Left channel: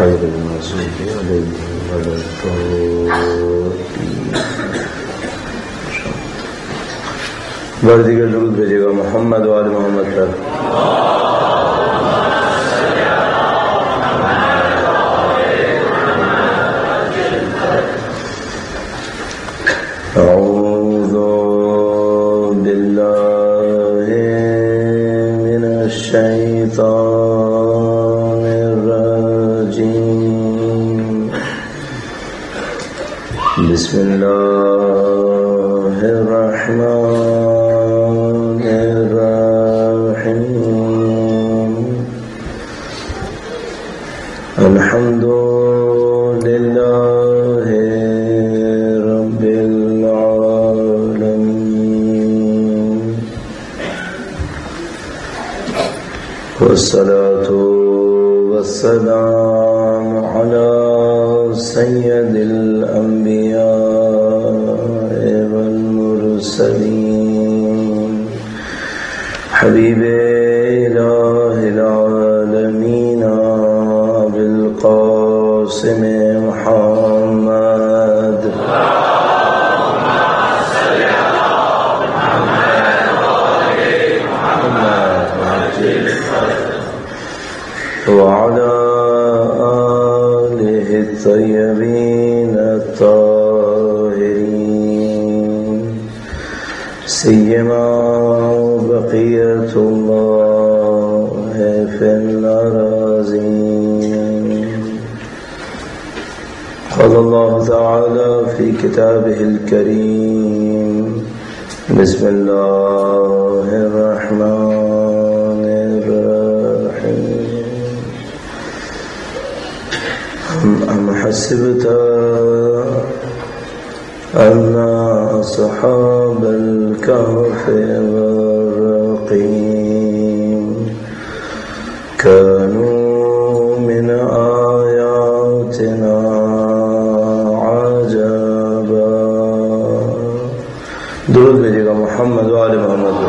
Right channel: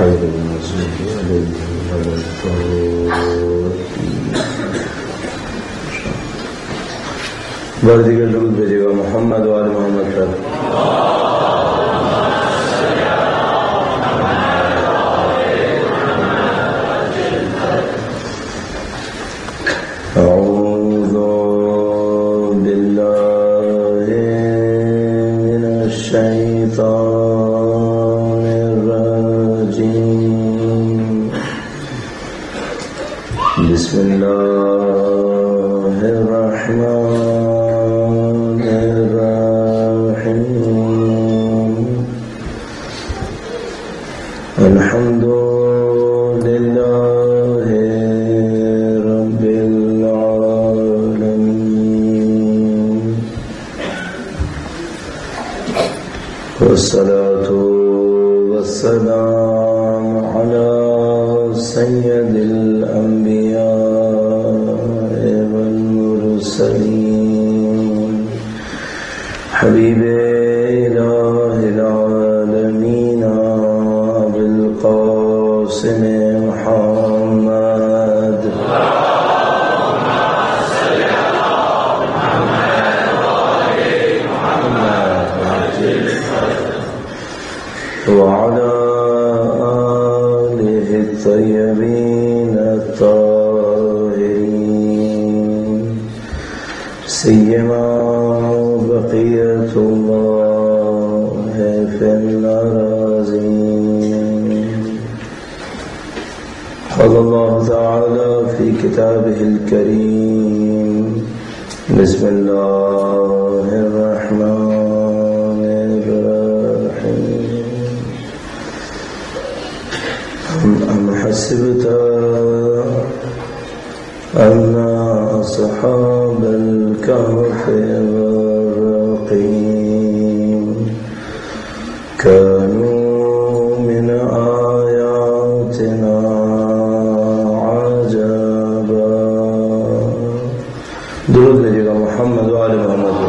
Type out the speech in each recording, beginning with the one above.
غير المغضوب عليهم ولا الضالين. بار دیگر درود بھیجے گا محمد و آل محمد پر. أعوذ بالله من الشيطان الرجيم. بسم الله الرحمن الرحيم. الحمد لله رب العالمين، والصلاة والسلام على سيد الأنبياء والمرسلين، حبيب إله العالمين أبي القاسم محمد. وعلى آله الطيبين الطاهرين، سيما بقية الله في الأراضين. قال الله تعالى في كتابه الكريم: بسم الله الرحمن الرحيم. أم حسبت أن أصحاب الكهف والرقيم كانوا من آياتنا عجبا. درود بھیجے گا محمد و آل محمد.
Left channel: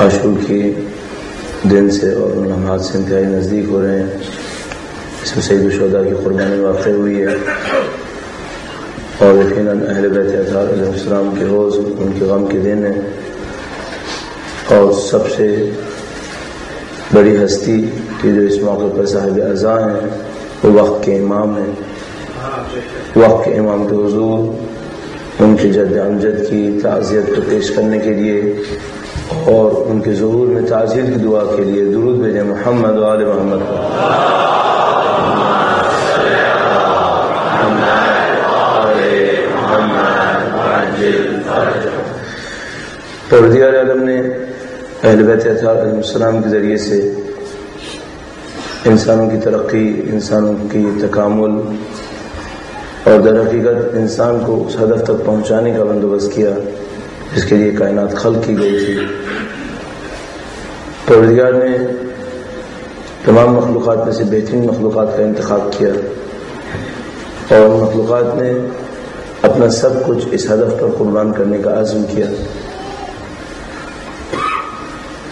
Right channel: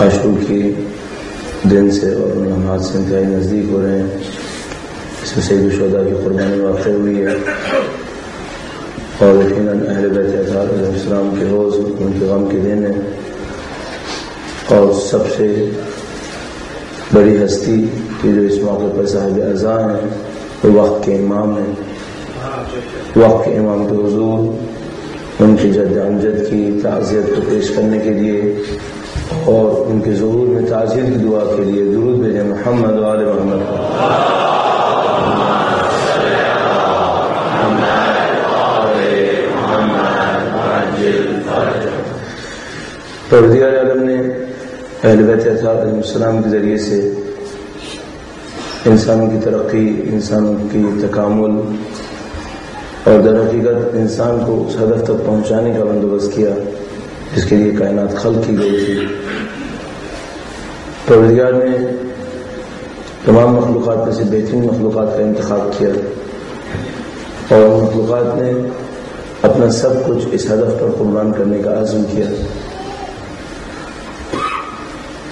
عاشور کی دن سے اور ان لمحات سے انتہائی نزدیک ہو رہے ہیں. اس میں سید الشہداء کی قربانی واقع ہوئی ہے، اور یقیناً اہل بیت اطہار علیہ السلام کے روز ان کے غم کے دن ہے. اور سب سے بڑی ہستی کی جو اس موقع پر صاحب عزا ہیں وہ وقت کے امام ہیں. وقت کے امام کے حضور ان کی جد امجد کی تعزیت کو پیش کرنے کے لیے اور ان کے ظہور میں تعزیت کی دعا کے لیے درود بھیجیں محمد و آل محمد. پروردگار عالم نے اہل بیت اطہار علیہ السلام کے ذریعے سے انسانوں کی ترقی، انسانوں کی تکامل اور در حقیقت انسان کو اس ہدف تک پہنچانے کا بندوبست کیا جس کے لیے کائنات خلق کی گئی تھی. پروردگار نے تمام مخلوقات میں سے بہترین مخلوقات کا انتخاب کیا اور مخلوقات نے اپنا سب کچھ اس ہدف پر قربان کرنے کا عزم کیا.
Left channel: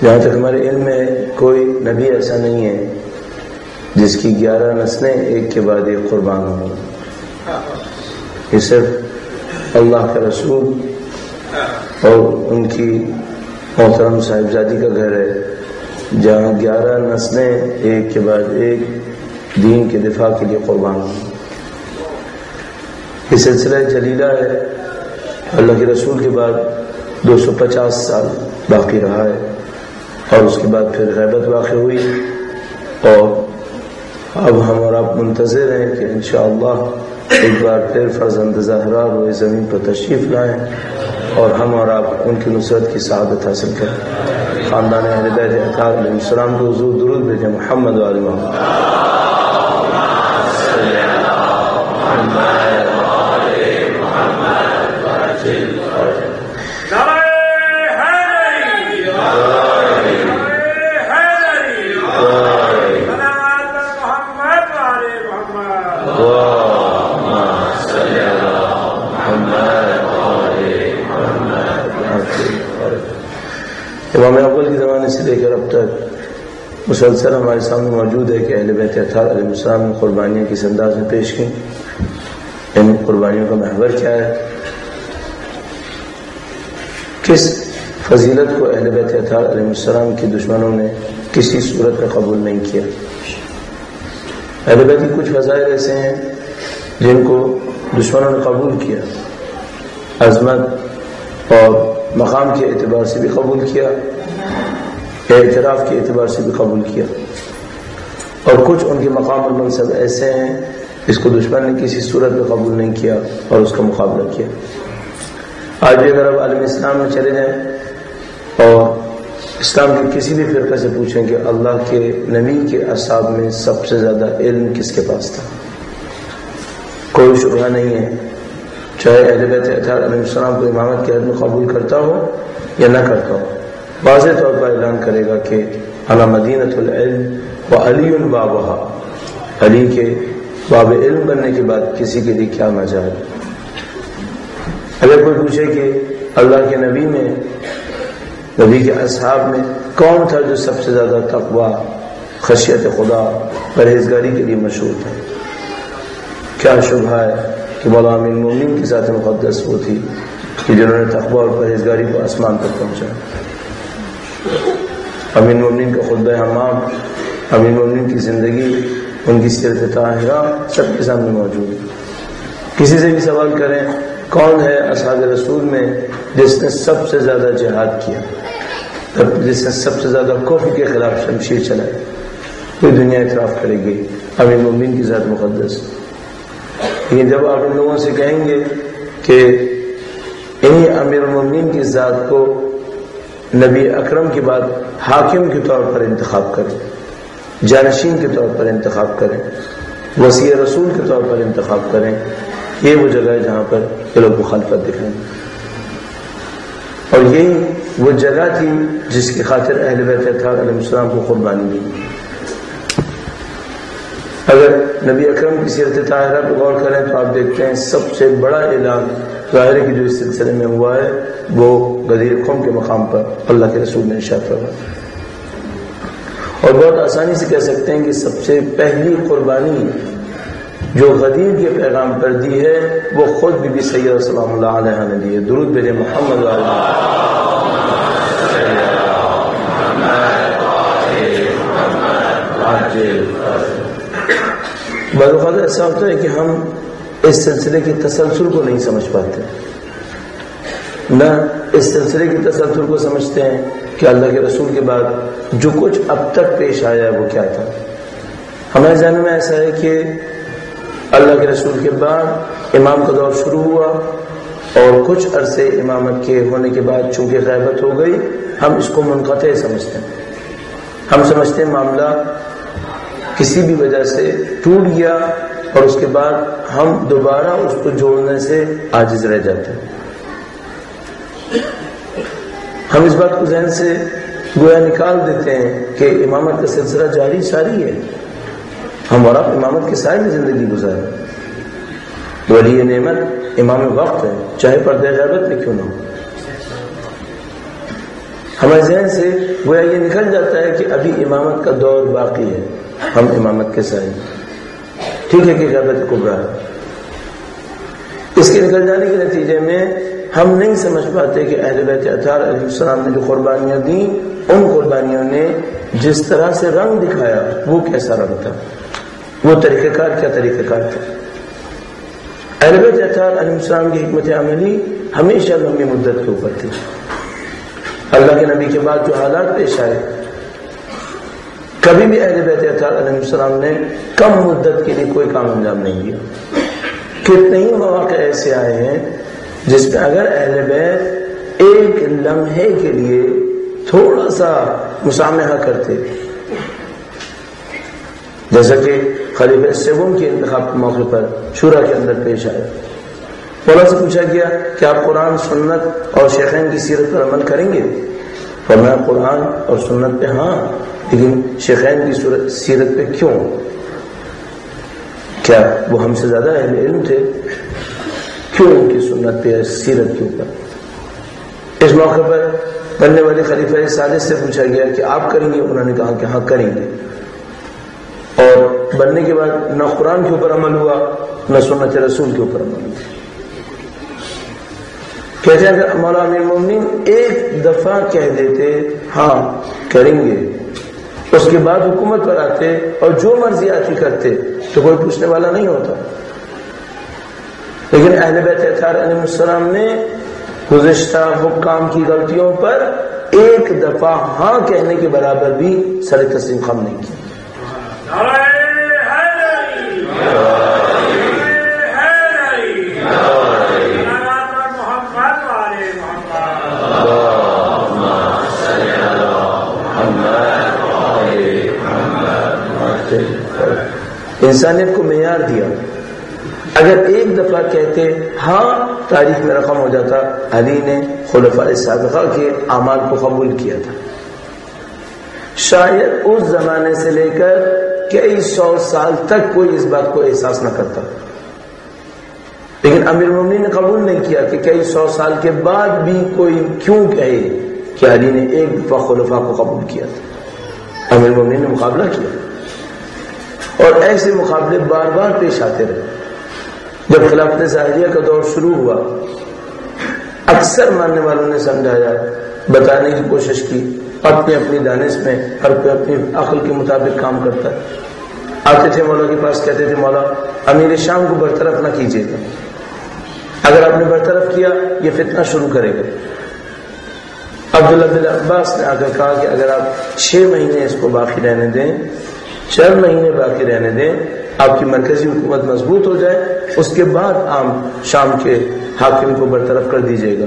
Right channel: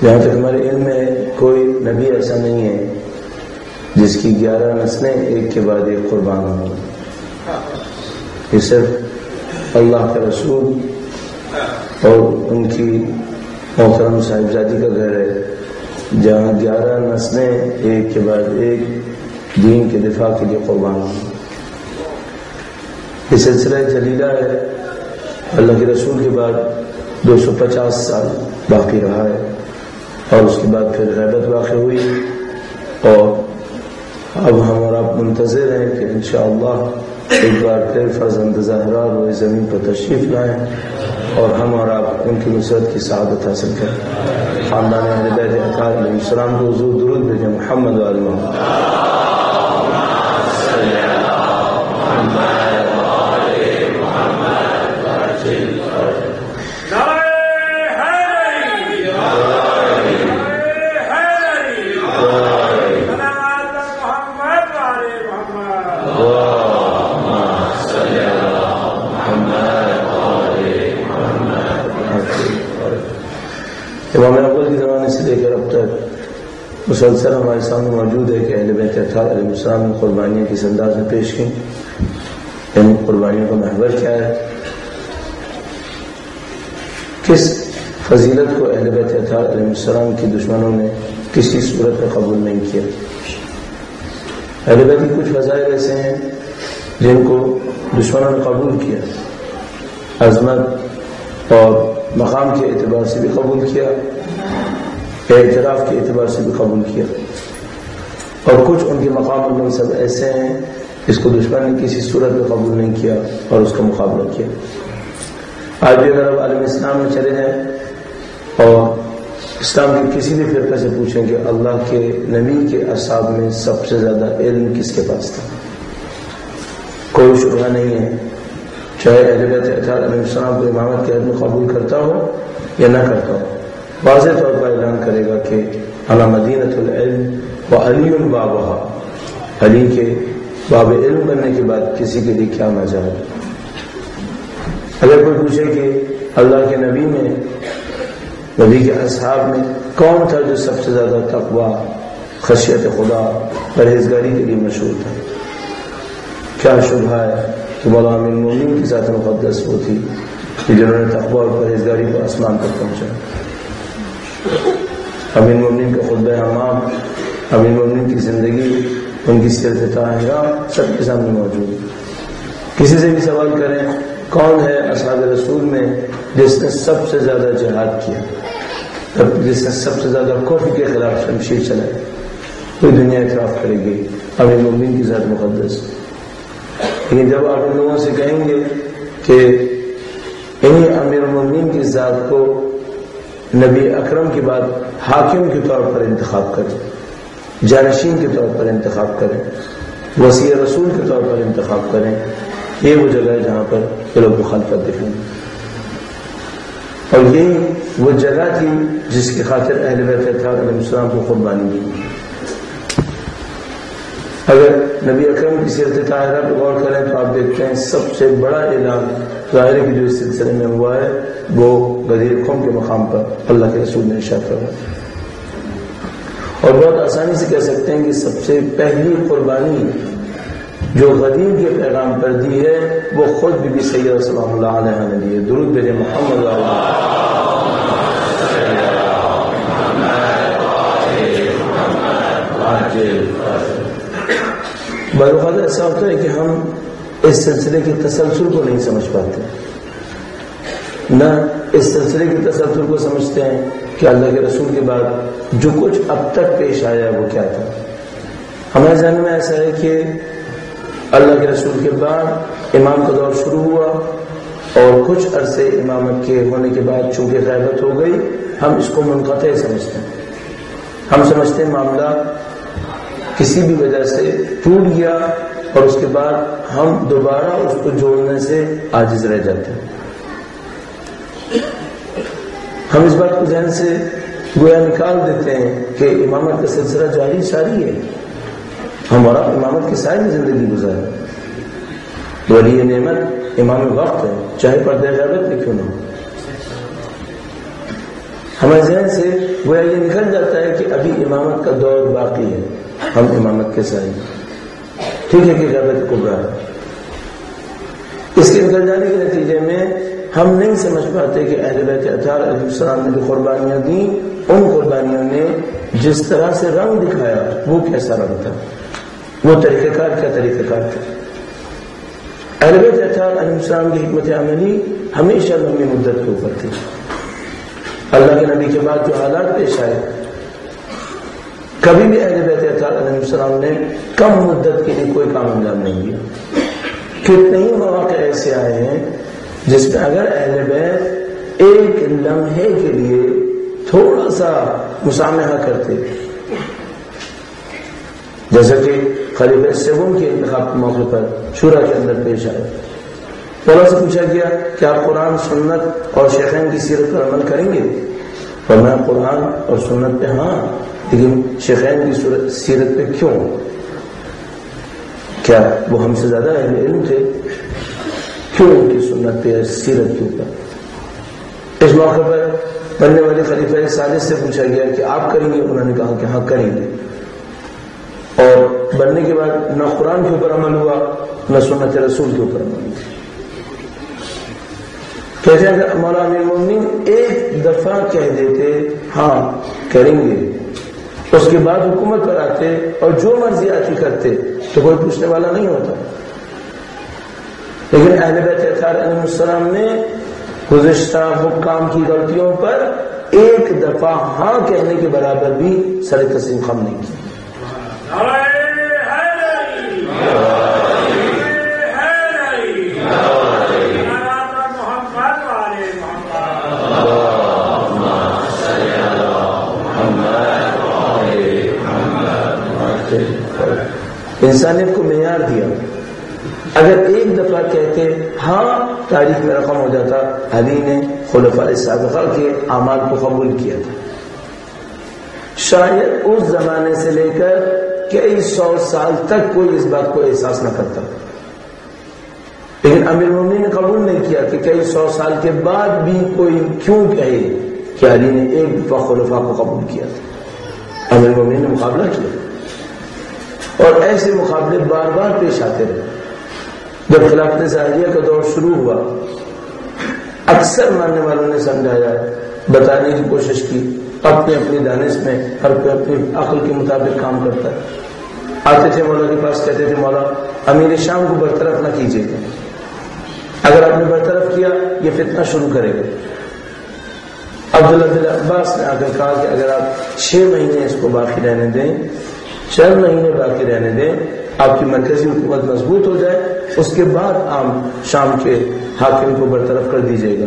جہاں تک ہمارے علم میں کوئی نبی ایسا نہیں ہے جس کی 11 نسلیں ایک کے بعد ایک قربان ہوں. یہ صرف اللہ کے رسول اور ان کی محترم صاحبزادی کا گھر ہے جہاں 11 نسلیں ایک کے بعد ایک دین کے دفاع کے لیے قربان ہوں. یہ سلسلہ جلیلہ ہے. اللہ کے رسول کے بعد 250 سال باقی رہا ہے اور اس کے بعد پھر غیبت واقع ہوئی، اور اب ہم اور آپ منتظر ہیں کہ انشاءاللہ ایک بار پھر فرزند زہرا روئے زمین پر تشریف لائیں اور ہم اور آپ ان کی نصرت کی سعادت حاصل کریں. خاندان اہل بیت اطہار علیہ السلام کو حضور درود بھیجیں محمد و آل محمد. امام اول کے زمانے سے لے کر اب تک مسلسل ہمارے سامنے موجود ہے کہ اہل بیت اطہار علیہ السلام نے قربانیاں کس انداز میں پیش کی، ان قربانیوں کا محور کیا ہے، کس فضیلت کو اہل بیت اطہار علیہ السلام کے دشمنوں نے کسی صورت میں قبول نہیں کیا۔ اہل بیت کی کچھ فضائل ایسے ہیں جن کو دشمنوں نے قبول کیا، عظمت اور مقام کے اعتبار سے بھی قبول کیا، اعتراف کے اعتبار سے بھی قبول کیا، اور کچھ ان کے مقام اور منصب ایسے ہیں جس کو دشمن نے کسی صورت میں قبول نہیں کیا اور اس کا مقابلہ کیا۔ آج بھی اگر اب عالم اسلام میں چلے جائیں اور اسلام کے کسی بھی فرقے سے پوچھیں کہ اللہ کے نبی کے اصحاب میں سب سے زیادہ علم کس کے پاس تھا، کوئی شبہ نہیں ہے، چاہے اہل بیت اطہار علیہ السلام کو امامت کے حد میں قبول کرتا ہو یا نہ کرتا ہو، واضح طور پر اعلان کرے گا کہ انا مدینۃ العلم و علی بابہا، علی کے باب علم بننے کے بعد کسی کے لیے کیا مجال۔ اگر کوئی پوچھے کہ اللہ کے نبی میں، نبی کے اصحاب میں کون تھا جو سب سے زیادہ تقوی، خشیت خدا، پرہیزگاری کے لیے مشہور تھا، کیا شبہ ہے کہ مولا امیر المومنین کی ذات مقدس وہ تھی کہ جنہوں نے تقوی اور پرہیزگاری کو آسمان تک پہنچا۔ امیر المومنین کا خطبہ حمام، امیر المومنین کی زندگی، ان کی سیرت طاہرہ سب کے سامنے موجود ہے۔ کسی سے بھی سوال کریں کون ہے اصحاب رسول میں جس نے سب سے زیادہ جہاد کیا، جس نے سب سے زیادہ کفر کے خلاف شمشیر چلائی، کوئی دنیا اعتراف کرے گی امیر المومنین کی ذات مقدس۔ لیکن جب آپ ان لوگوں سے کہیں گے کہ انہی امیر المومنین کی ذات کو نبی اکرم کے بعد حاکم کے طور پر انتخاب کریں، جانشین کے طور پر انتخاب کریں، وصی رسول کے طور پر انتخاب کریں، یہ وہ جگہ ہے جہاں پر یہ لوگ مخالفت دکھائیں، اور یہی وہ جگہ تھی جس کی خاطر اہل بیت اطہار علیہ السلام کو قربانی دی۔ اگر نبی اکرم کی سیرت طاہرہ پہ غور کریں تو آپ دیکھتے ہیں سب سے بڑا اعلان ظاہر کی جو اس سلسلے میں ہوا ہے وہ غدیر قوم کے مقام پر اللہ کے رسول نے ارشاد فرمایا، اور بہت آسانی سے کہہ سکتے ہیں کہ سب سے پہلی قربانی جو غدیر کے پیغام پر دی ہے وہ خود بی بی سیدہ سلام اللہ علیہ نے دی ہے۔ درود بھیجیں محمد بعض اوقات ایسا ہوتا ہے کہ ہم اس سلسلے کی تسلسل کو نہیں سمجھ پاتے، نہ اس سلسلے کی تسلسل کو سمجھتے ہیں کہ اللہ کے رسول کے بعد جو کچھ اب تک پیش آیا ہے وہ کیا تھا۔ ہمارے ذہن میں ایسا ہے کہ اللہ کے رسول کے بعد امام کا دور شروع ہوا اور کچھ عرصے امامت کے ہونے کے بعد چونکہ غیبت ہو گئی ہم اس کو منقطع سمجھتے ہیں، ہم سمجھتے ہیں معاملہ کسی بھی وجہ سے ٹوٹ گیا اور اس کے بعد ہم دوبارہ اس کو جوڑنے سے عاجز رہ جاتے ہیں۔ ہم اس بات کو ذہن سے گویا نکال دیتے ہیں کہ امامت کا سلسلہ جاری ساری ہے، ہم اور آپ امامت کے سائے میں زندگی گزاریں، ولی نعمت امام وقت ہے چاہے پردہ غیبت میں کیوں نہ ہو۔ ہمارے ذہن سے گویا یہ نکل جاتا ہے کہ ابھی امامت کا دور باقی ہے، ہم امامت کے سائے، ٹھیک ہے کہ غیبت کبریٰ ہے۔ اس کے نکل جانے کے نتیجے میں ہم نہیں سمجھ پاتے کہ اہل بیت اطہار علیہ السلام نے جو قربانیاں دیں ان قربانیوں نے جس طرح سے رنگ دکھایا وہ کیسا رنگ تھا، وہ طریقہ کار کیا طریقہ کار تھا۔ اہل بیت اطہار علیہ السلام کی حکمت عملی ہمیشہ لمبی مدت کے اوپر تھی۔ اللہ کے نبی کے بعد جو حالات پیش آئے کبھی بھی اہل بیت اطہار علیہ السلام نے کم مدت کے لیے کوئی کام انجام نہیں دیا۔ کتنے ہی مواقع ایسے آئے ہیں جس میں اگر اہل بیت ایک لمحے کے لیے تھوڑا سا مسامحہ کرتے، جیسا کہ خلیفہ سوم کے انتخاب کے موقع پر شورا کے اندر پیش آئے، مولا سے پوچھا گیا کہ آپ قرآن سنت اور شیخین کی سیرت پر عمل کریں گے؟ فرمایا قرآن اور سنت پہ ہاں، لیکن شیخین کی سیرت پہ کیوں؟ کیا وہ ہم سے زیادہ اہل علم تھے؟ کیوں ان کی سنت پہ سیرت کے اوپر؟ اس موقع پر بننے والے خلیفہ ثالث سے پوچھا گیا کہ آپ کریں گے؟ انہوں نے کہا کہ ہاں کریں گے. اور بننے کے بعد نہ قرآن کے اوپر عمل ہوا نہ سنت رسول کے اوپر عمل ہوا. کہتے ہیں اگر مولا امیر المومنین ایک دفعہ کہہ دیتے ہاں کریں گے، اس کے بعد حکومت پر آتے اور جو مرضی آتی کرتے تو کوئی پوچھنے والا نہیں ہوتا. لیکن اہل بیت اطہار علیہ السلام نے گزشتہ حکام کی غلطیوں پر ایک دفعہ ہاں کہنے کے برابر بھی سر تسلیم خم نہیں کی. انسانیت کو معیار دیا. اگر ایک دفعہ کہتے ہاں تاریخ میں رقم ہو جاتا. علی نے خلفاء سابقہ کے اعمال کو قبول کیا تھا. شاید اس زمانے سے لے کر کئی سو سال تک کوئی اس بات کو احساس نہ کرتا، لیکن امیر المومنین نے قبول نہیں کیا کہ کئی سو سال کے بعد بھی کوئی کیوں کہے کہ علی نے ایک دفعہ خلفاء کو قبول کیا تھا. امیر المومنین نے مقابلہ کیا اور ایسے مقابلے بار بار پیش آتے رہے. جب خلافت ظاہریہ کا دور شروع ہوا، اکثر ماننے والوں نے سمجھایا، بتانے کی کوشش کی، اپنی اپنی دانش میں ہر کوئی اپنی عقل کے مطابق کام کرتا ہے. آتے تھے مولا کے پاس، کہتے تھے مولا امیر شام کو برطرف نہ کیجیے گا، اگر آپ نے برطرف کیا یہ فتنہ شروع کرے گا. عبداللہ بن عباس نے آ کر کہا کہ اگر آپ 6 مہینے اس کو باقی رہنے دیں، 4 مہینے باقی رہنے دیں، آپ کی مرکزی حکومت مضبوط ہو جائے، اس کے بعد آپ شام کے حاکم کو برطرف کر دیجیے گا.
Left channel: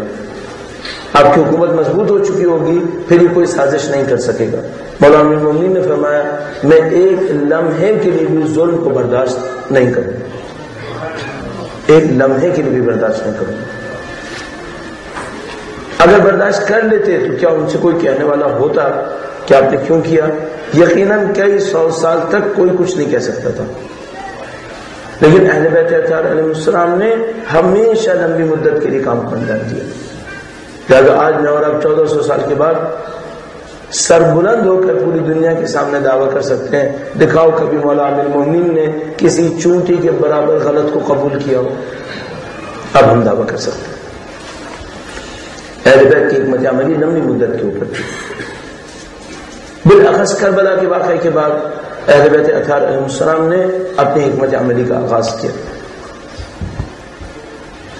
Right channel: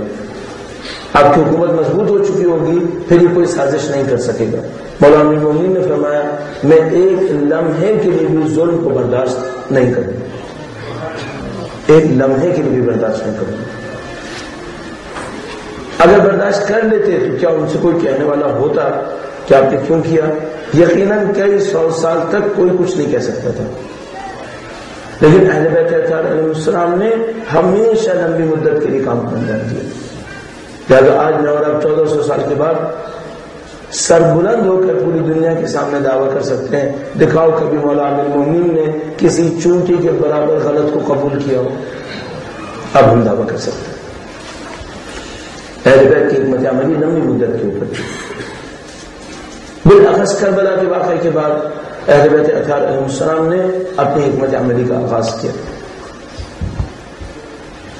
آپ کی حکومت مضبوط ہو چکی ہوگی، پھر یہ کوئی سازش نہیں کر سکے گا. مولانا امیر المومنین نے فرمایا میں ایک لمحے کے لیے بھی ظلم کو برداشت نہیں کروں گا، ایک لمحے کے لیے بھی برداشت نہیں کروں گا. اگر برداشت کر لیتے تو کیا ان سے کوئی کہنے والا ہوتا کہ آپ نے کیوں کیا؟ یقیناً کئی 100 سال تک کوئی کچھ نہیں کہہ سکتا تھا. لیکن اہل بیت اطہار علیہ السلام نے ہمیشہ لمبی مدت کے لیے کام کو انجام دیا. لہٰذا آج میں اور اب 1400 سال کے بعد سر بلند ہو کر پوری دنیا کے سامنے دعویٰ کر سکتے ہیں، دکھاؤ کبھی مولا امیر المومنین نے کسی چونٹی کے برابر غلط کو قبول کیا ہو. اب ہم دعویٰ کر سکتے ہیں. اہل بیت کی حکمت عملی لمبی مدت کے اوپر تھی. بالاخص کربلا کے واقعے کے بعد اہل بیت اطہار علیہ السلام نے اپنی حکمت عملی کا آغاز کیا.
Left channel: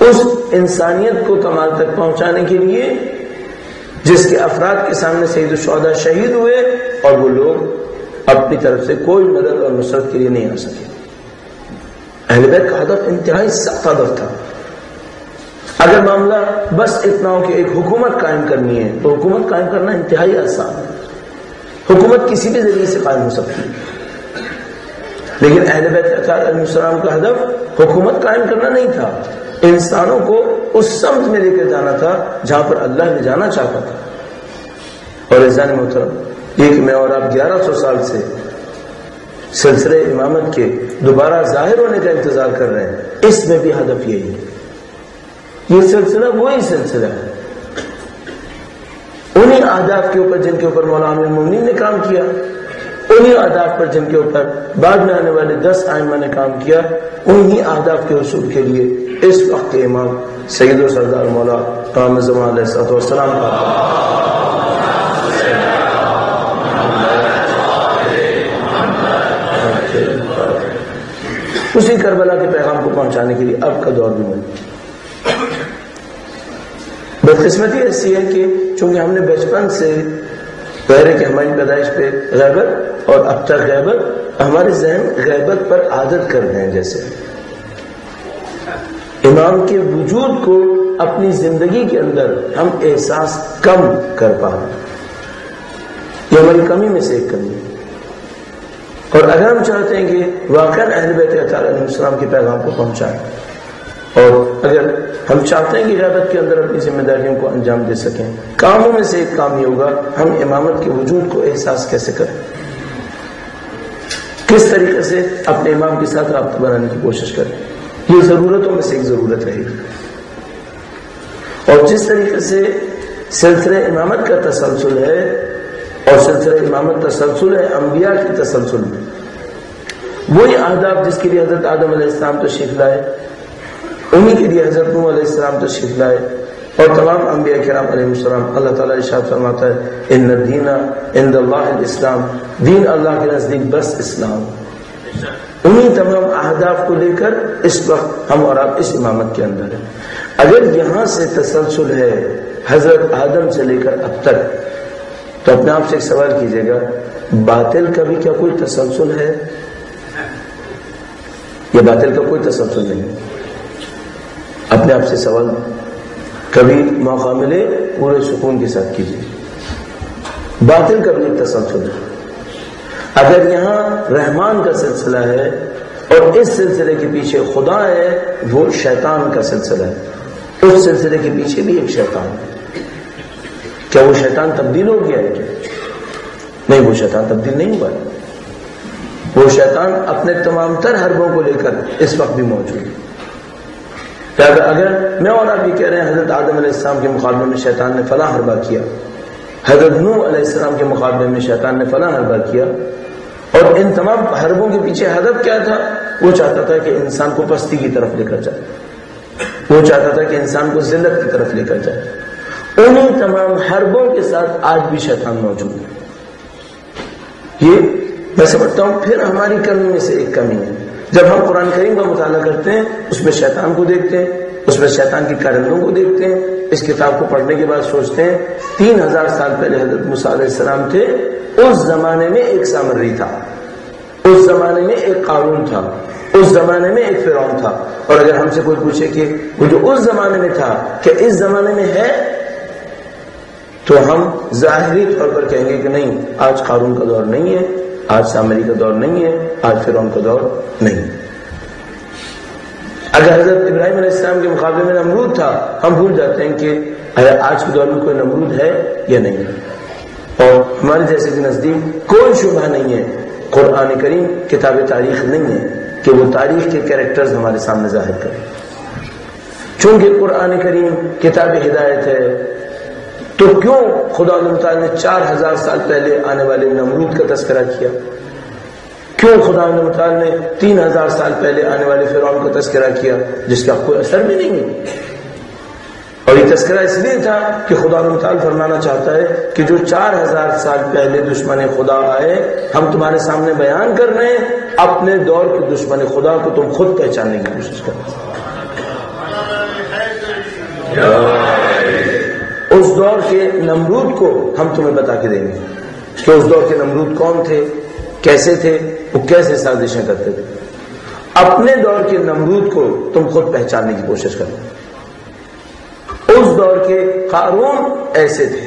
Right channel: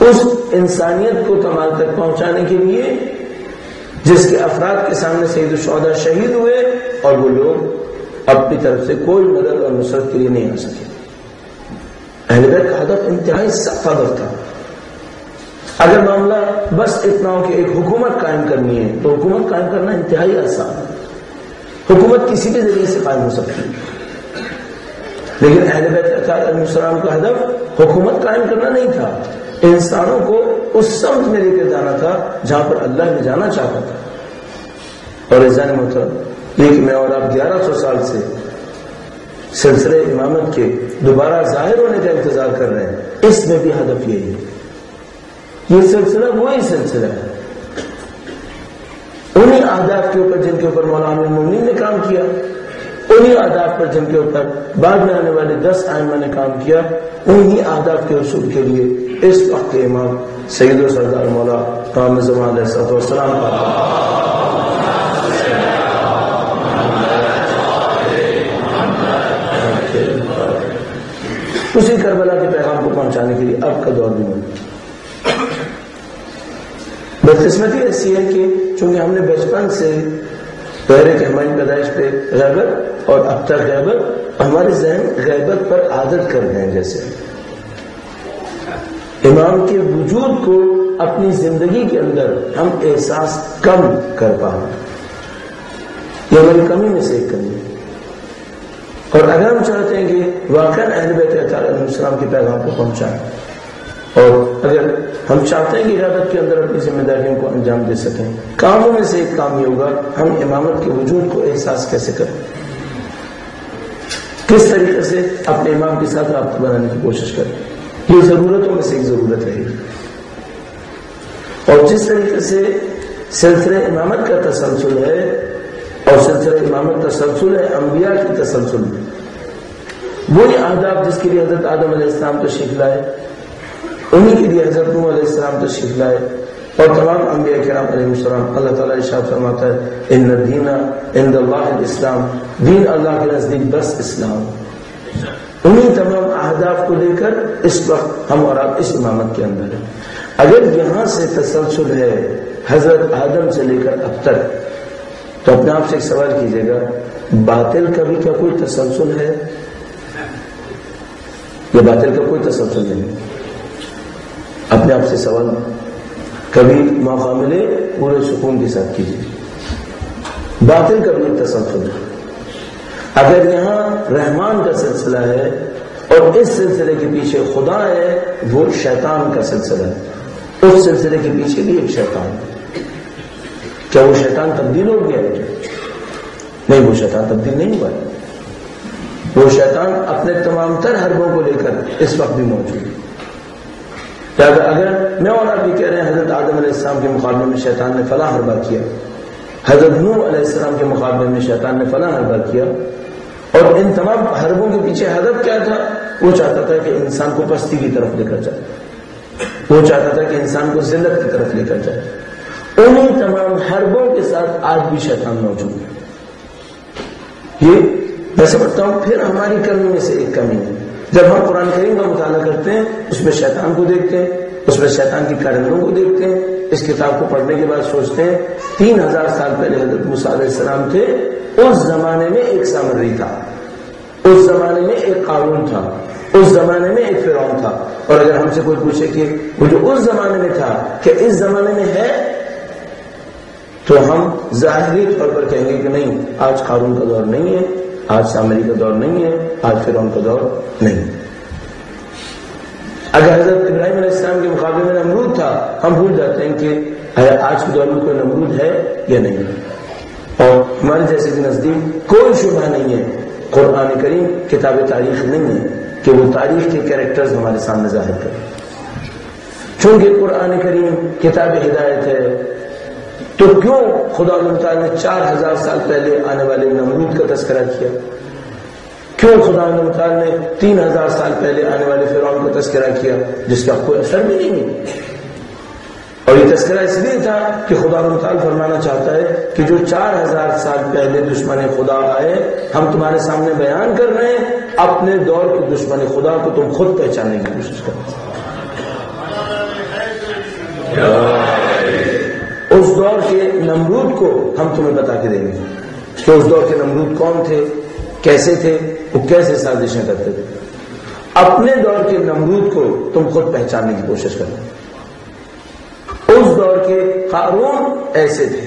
اس انسانیت کو کمال تک پہنچانے کے لیے جس کے افراد کے سامنے سید الشہداء شہید ہوئے اور وہ لوگ اپنی طرف سے کوئی مدد اور نصرت کے لیے نہیں آ سکے. اہل بیت کا ہدف انتہائی سخت ہدف تھا. اگر معاملہ بس اتنا ہو کہ ایک حکومت قائم کرنی ہے تو حکومت قائم کرنا انتہائی آسان ہے. حکومت کسی بھی ذریعے سے قائم ہو سکتی ہے، لیکن اہل بیت اطہار علیہ السلام کا ہدف حکومت قائم کرنا نہیں تھا، انسانوں کو اس سمت میں لے کر جانا تھا جہاں پر اللہ نے جانا چاہتا تھا. اور عزیزان محترم، یہ کہ میں اور آپ 1100 سال سے سلسلہ امامت کے دوبارہ ظاہر ہونے کا انتظار کر رہے ہیں، اس میں بھی ہدف یہی ہے. یہ سلسلہ وہی سلسلہ ہے، انہی اہداف کے اوپر جن کے اوپر مولانا امیر المومنین نے کام کیا، انہی اہداف پر جن کے اوپر بعد میں آنے والے 10 ائمہ نے کام کیا. انہی اہداف کے حصول کے لیے اس وقت کے امام سید و سردار مولا قائم زمان علیہ السلام اسی کربلا کے پیغام کو پہنچانے کے لیے اب کا دور بھی موجود. بدقسمتی ایسی ہے کہ چونکہ ہم نے بچپن سے غیر کہ ہماری پیدائش پہ غیبت اور اب تک غیبت، ہمارے ذہن غیبت پر عادت کر گئے ہیں. جیسے امام کے وجود کو اپنی زندگی کے اندر ہم احساس کم کر پا رہے ہیں. یہ ہماری کمی میں سے ایک کمی ہے. اور اگر ہم چاہتے ہیں کہ واقعا اہل بیت اطہار علیہ السلام کے پیغام کو پہنچائیں، اور اگر ہم چاہتے ہیں کہ غیبت کے اندر اپنی ذمہ داریوں کو انجام دے سکیں، کاموں میں سے ایک کام یہ ہوگا ہم امامت کے وجود کو احساس کیسے کریں، کس طریقے سے اپنے امام کے ساتھ رابطہ بنانے کی کوشش کریں. یہ ضرورتوں میں سے ایک ضرورت رہے گی. اور جس طریقے سے سلسلہ امامت کا تسلسل ہے، اور سلسلہ امامت تسلسل ہے انبیاء کی تسلسل میں۔ وہی آداب جس کے لیے حضرت آدم علیہ السلام تشریف لائے، انہی کے لیے حضرت نوح علیہ السلام تشریف لائے، اور تمام انبیاء کرام علیہ السلام۔ اللہ تعالیٰ ارشاد فرماتا ہے ان الدین عند اللہ الاسلام، دین اللہ کے نزدیک بس اسلام۔ انہی تمام اہداف کو لے کر اس وقت ہم اور آپ اس امامت کے اندر ہیں۔ اگر یہاں سے تسلسل ہے حضرت آدم سے لے کر اب تک، تو اپنے آپ سے ایک سوال کیجئے گا، باطل کا بھی کیا کوئی تسلسل ہے؟ یہ باطل کا کوئی تسلسل نہیں ہے۔ اپنے آپ سے سوال کبھی موقع ملے پورے سکون کے ساتھ کیجیے، باطل کا بھی ایک تسلسل ہے۔ اگر یہاں رحمان کا سلسلہ ہے اور اس سلسلے کے پیچھے خدا ہے، وہ شیطان کا سلسلہ ہے، اس سلسلے کے پیچھے بھی ایک شیطان ہے۔ کیا وہ شیطان تبدیل ہو گیا ہے کیا؟ نہیں، وہ شیطان تبدیل نہیں ہوا ہے، وہ شیطان اپنے تمام تر حربوں کو لے کر اس وقت بھی موجود ہے۔ اگر میں اور آپ یہ کہہ رہے ہیں حضرت آدم علیہ السلام کے مقابلے میں شیطان نے فلاں حربہ کیا، حضرت نوح علیہ السلام کے مقابلے میں شیطان نے فلاں حربہ کیا، اور ان تمام حربوں کے پیچھے ہدف کیا تھا؟ وہ چاہتا تھا کہ انسان کو پستی کی طرف لے کر جائے، وہ چاہتا تھا کہ انسان کو ذلت کی طرف لے کر جائے۔ انہی تمام حربوں کے ساتھ آج بھی شیطان موجود ہے۔ یہ میں سمجھتا ہوں پھر ہماری کمی میں سے ایک کمی ہے۔ جب ہم قرآن کریم کا مطالعہ کرتے ہیں، اس میں شیطان کو دیکھتے ہیں، اس میں شیطان کی کارندوں کو دیکھتے ہیں، اس کتاب کو پڑھنے کے بعد سوچتے ہیں 3000 سال پہلے حضرت موسیٰ علیہ السلام تھے، اس زمانے میں ایک سامری تھا، اس زمانے میں ایک قارون تھا، اس زمانے میں ایک فرعون تھا۔ اور اگر ہم سے کوئی پوچھے کہ وہ جو اس زمانے میں تھا کہ اس زمانے میں ہے، تو ہم ظاہری طور پر کہیں گے کہ نہیں، آج قارون کا دور نہیں ہے، آج سامری کا دور نہیں ہے، آج فرعون کا دور نہیں۔ اگر حضرت ابراہیم علیہ السلام کے مقابلے میں نمرود تھا، ہم بھول جاتے ہیں کہ آج کے دور میں کوئی نمرود ہے یا نہیں ہے۔ اور ہمارے جیسے کے نزدیک کوئی شبہ نہیں ہے، قرآن کریم کتاب تاریخ نہیں ہے کہ وہ تاریخ کے کیریکٹرز ہمارے سامنے ظاہر کرے۔ چونکہ قرآن کریم کتاب ہدایت ہے، تو کیوں خدا تعالیٰ نے 4000 سال پہلے آنے والے نمرود کا تذکرہ کیا؟ کیوں خدا تعالیٰ نے 3000 سال پہلے آنے والے فرعون کا تذکرہ کیا جس کا کوئی اثر بھی نہیں ہے؟ اور یہ تذکرہ اس لیے تھا کہ خدا تعالیٰ فرمانا چاہتا ہے کہ جو 4000 سال پہلے دشمن خدا آئے، ہم تمہارے سامنے بیان کر رہے ہیں، اپنے دور کے دشمن خدا کو تم خود پہچاننے کی کوشش کرو۔ اس دور کے نمرود کو ہم تمہیں بتا کے دیں گے کہ اس دور کے نمرود کون تھے، کیسے تھے، وہ کیسے سازشیں کرتے تھے۔ اپنے دور کے نمرود کو تم خود پہچاننے کی کوشش کرو۔ اس دور کے قارون ایسے تھے،